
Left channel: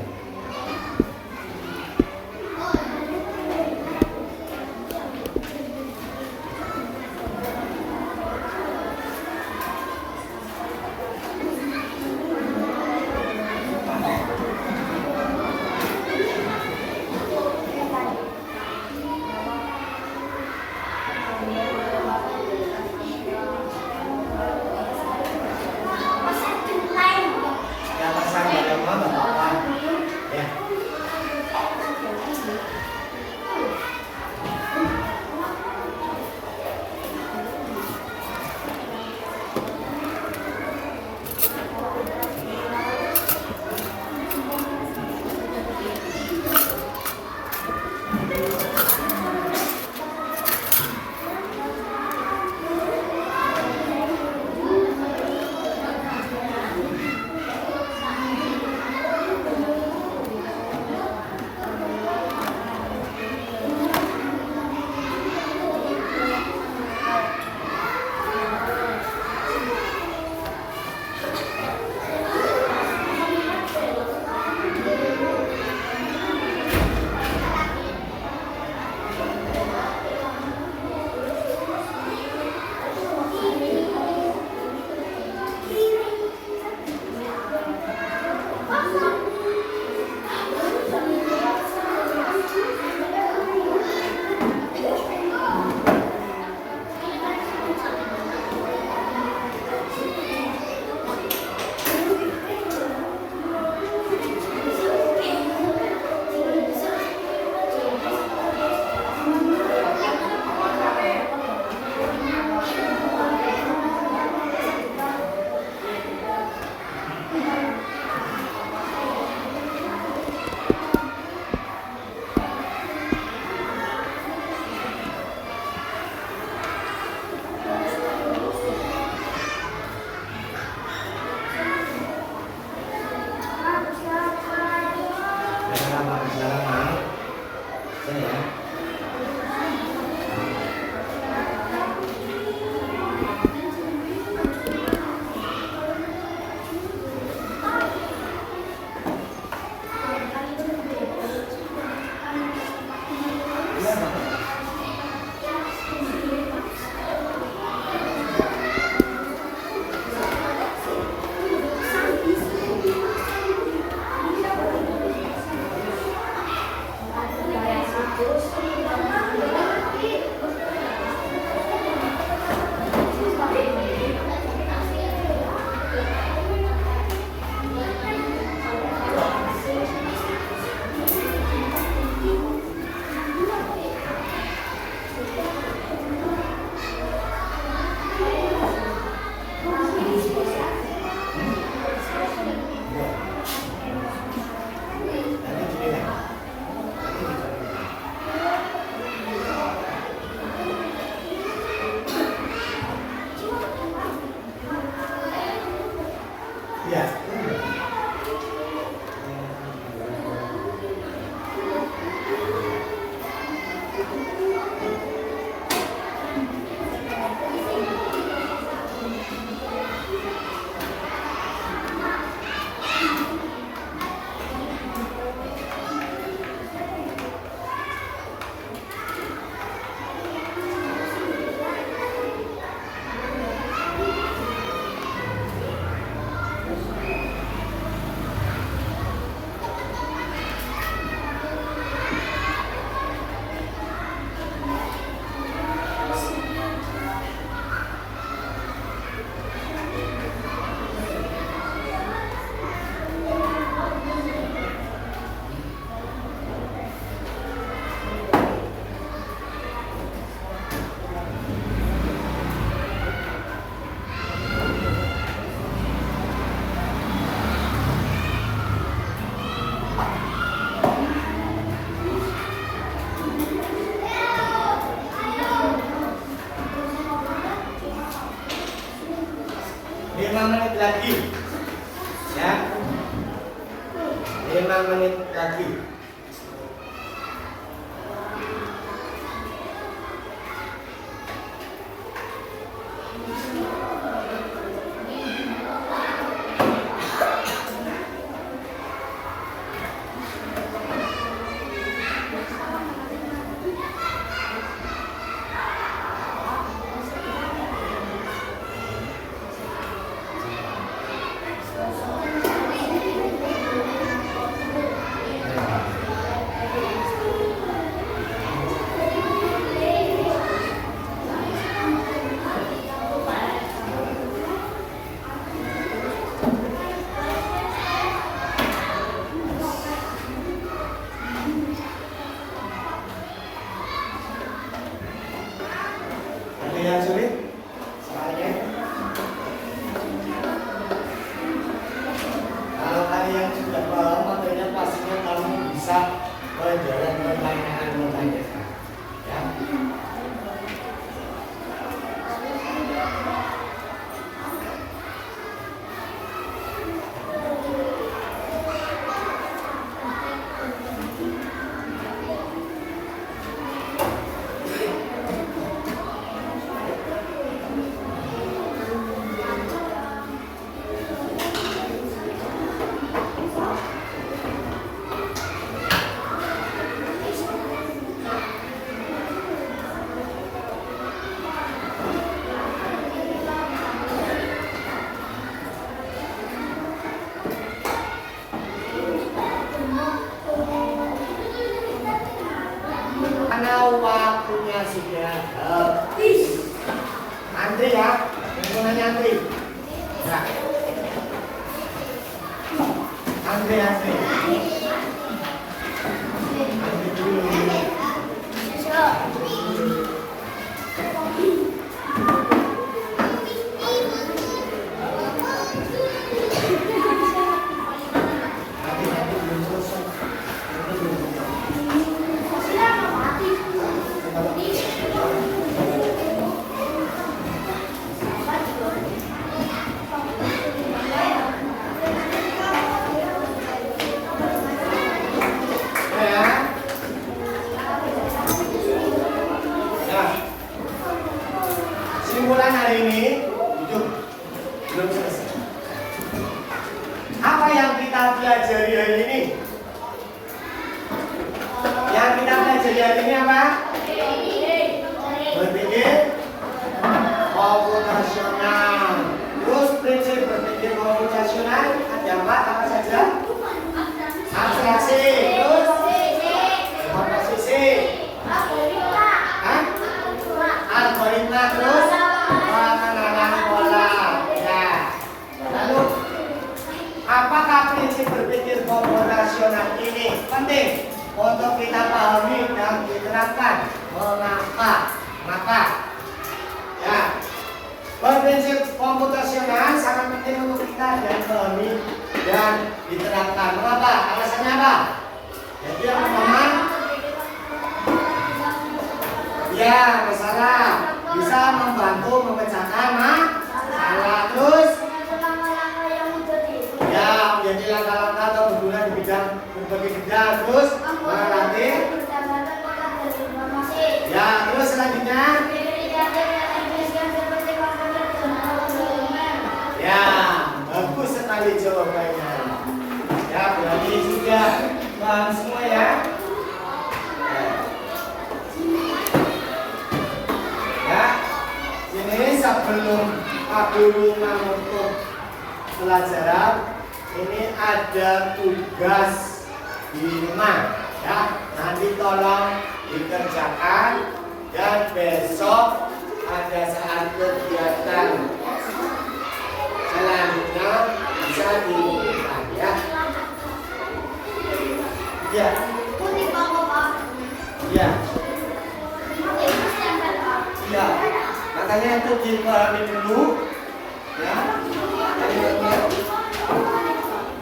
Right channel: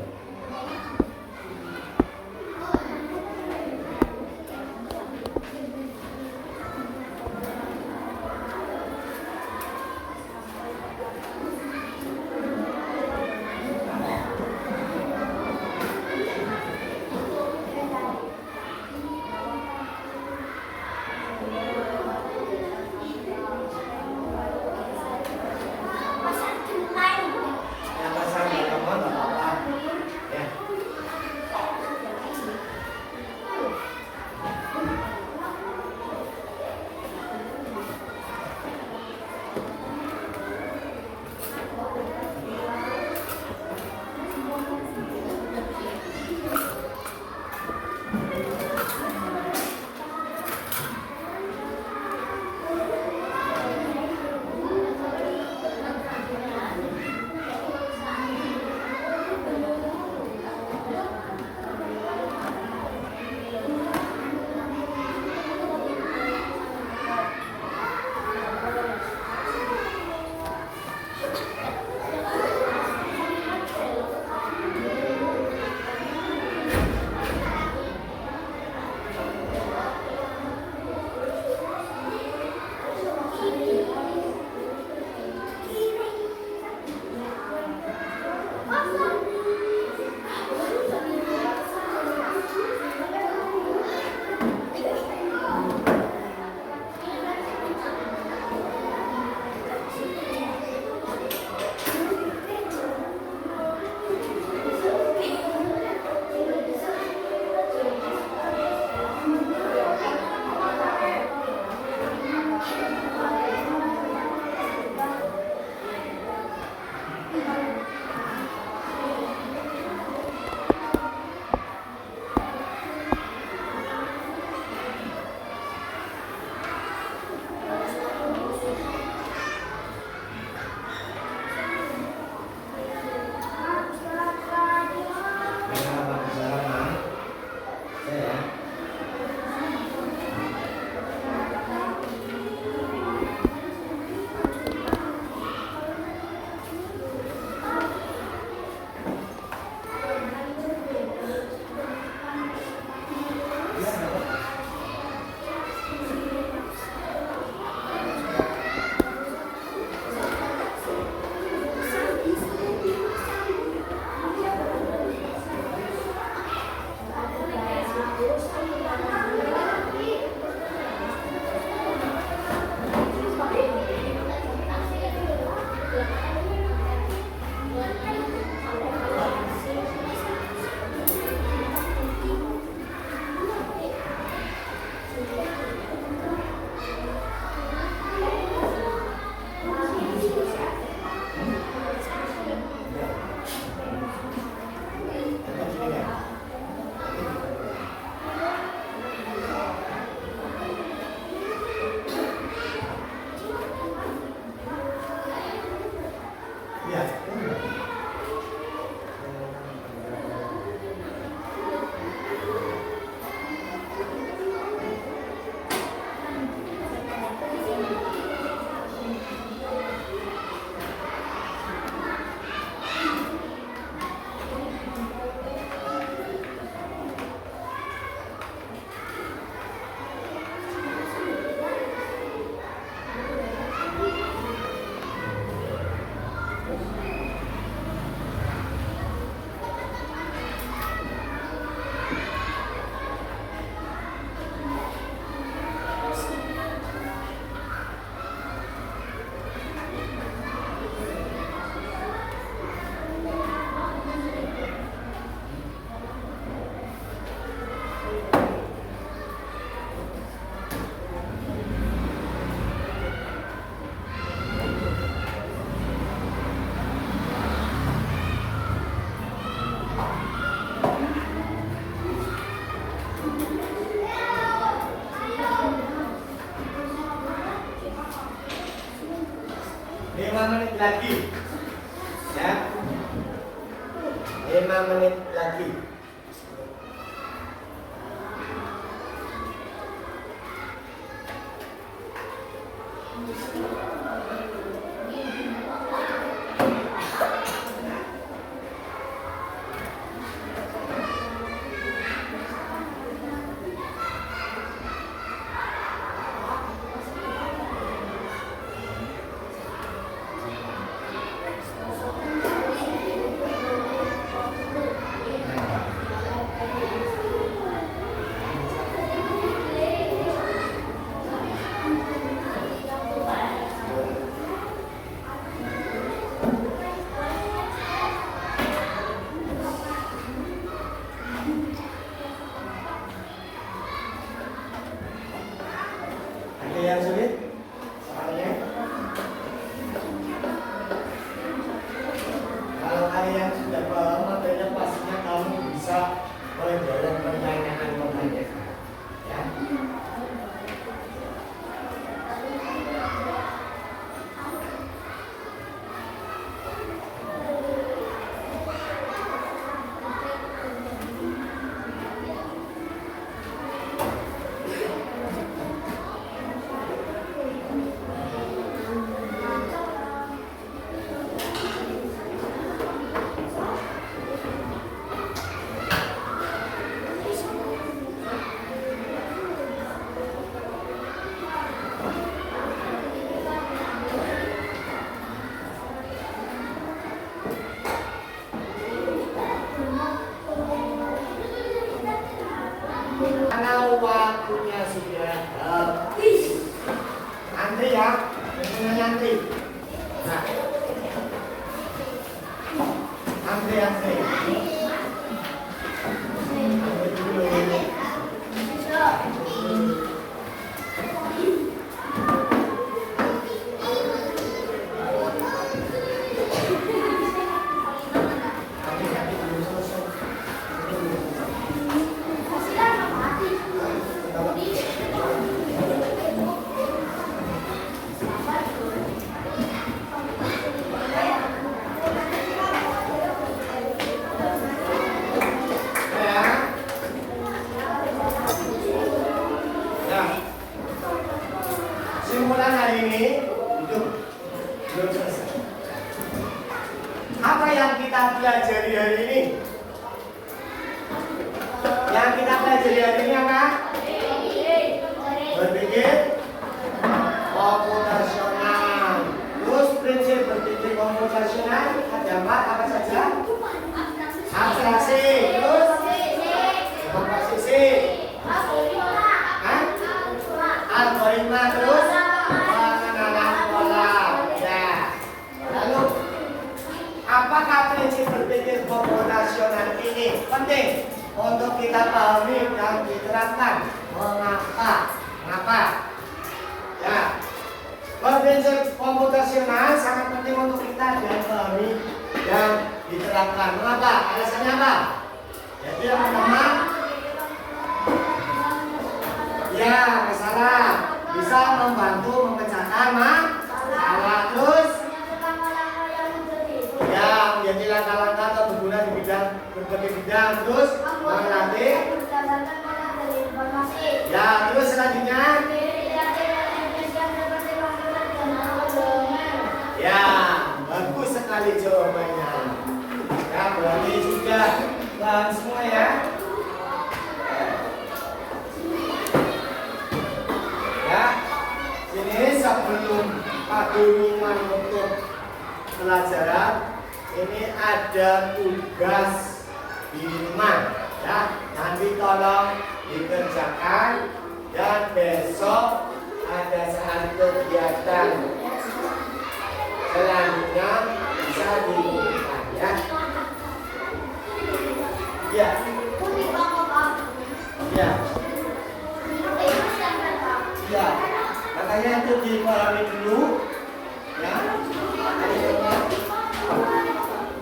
Ya. Lima menit lagi, ya. 5 menit lagi. Ada yang sulit? Soalnya, kalau kalian sudah paham, makanya pastinya kamu bisa menjawab pertanyaan-pertanyaan. Ya. Karena waktunya sudah habis. Antri ya, semuanya antri. Nah. Antri. Antri dulu. Nanti belum selesai. Simpulan hari ini itu belum selesai. Apa yang kita pelajari hari ini? Yang kita pelajari hari ini apa? Berpikir komputasional. Terus prinsip berpikir komputasional ada apa saja? Abstraksi, terus komposisi, algoritma, terus pengenalan pola. Ya. Lalu, apakah prinsip berpikir komputasional ini penting untuk kita pahami dan diterapkan? Mengapa? Ya. Prinsip komputasional sangat penting untuk kita dan pahami dan diterapkan. Mengapa? Alasannya apa? Jadi yang pertama, ya, masalah bisa membantu memecahkan masalah. Terus guru menutup pelajaran, ini ada tugas di rumah ya. Nanti tolong dikerjakan dan besok pada saat kegiatan selanjutnya bisa dilakukan ya. Ya. Ya. Ya. Makanya itu dipahami dulu ya.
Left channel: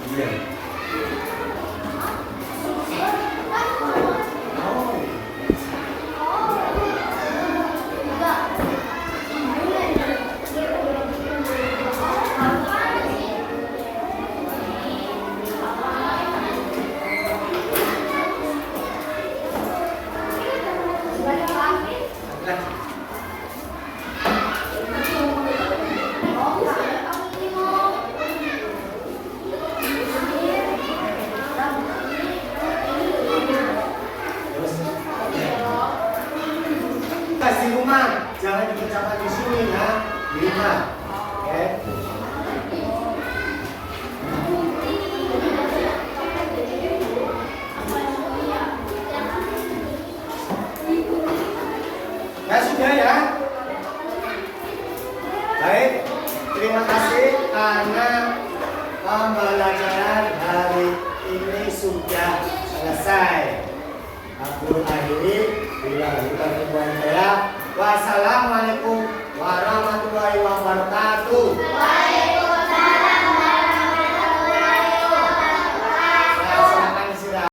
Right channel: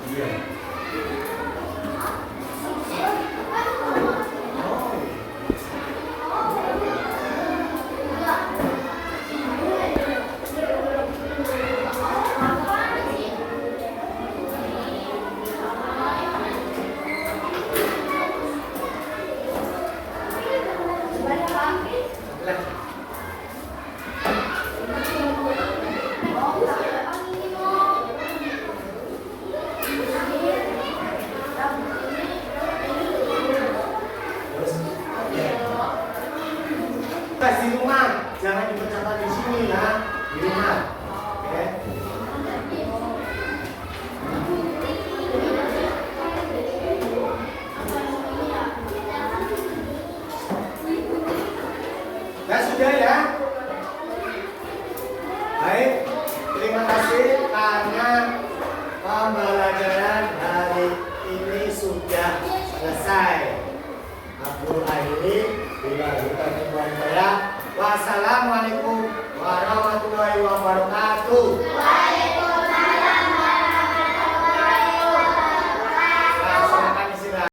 Iya. Tugas di rumah, jangan dikerjakan di sini ya, di rumah. Oke. Nah, sudah ya. Baik, terima kasih karena pembelajaran hari ini sudah selesai. Aku akhiri bila kita jumpa saya. Wassalamualaikum warahmatullahi wabarakatuh.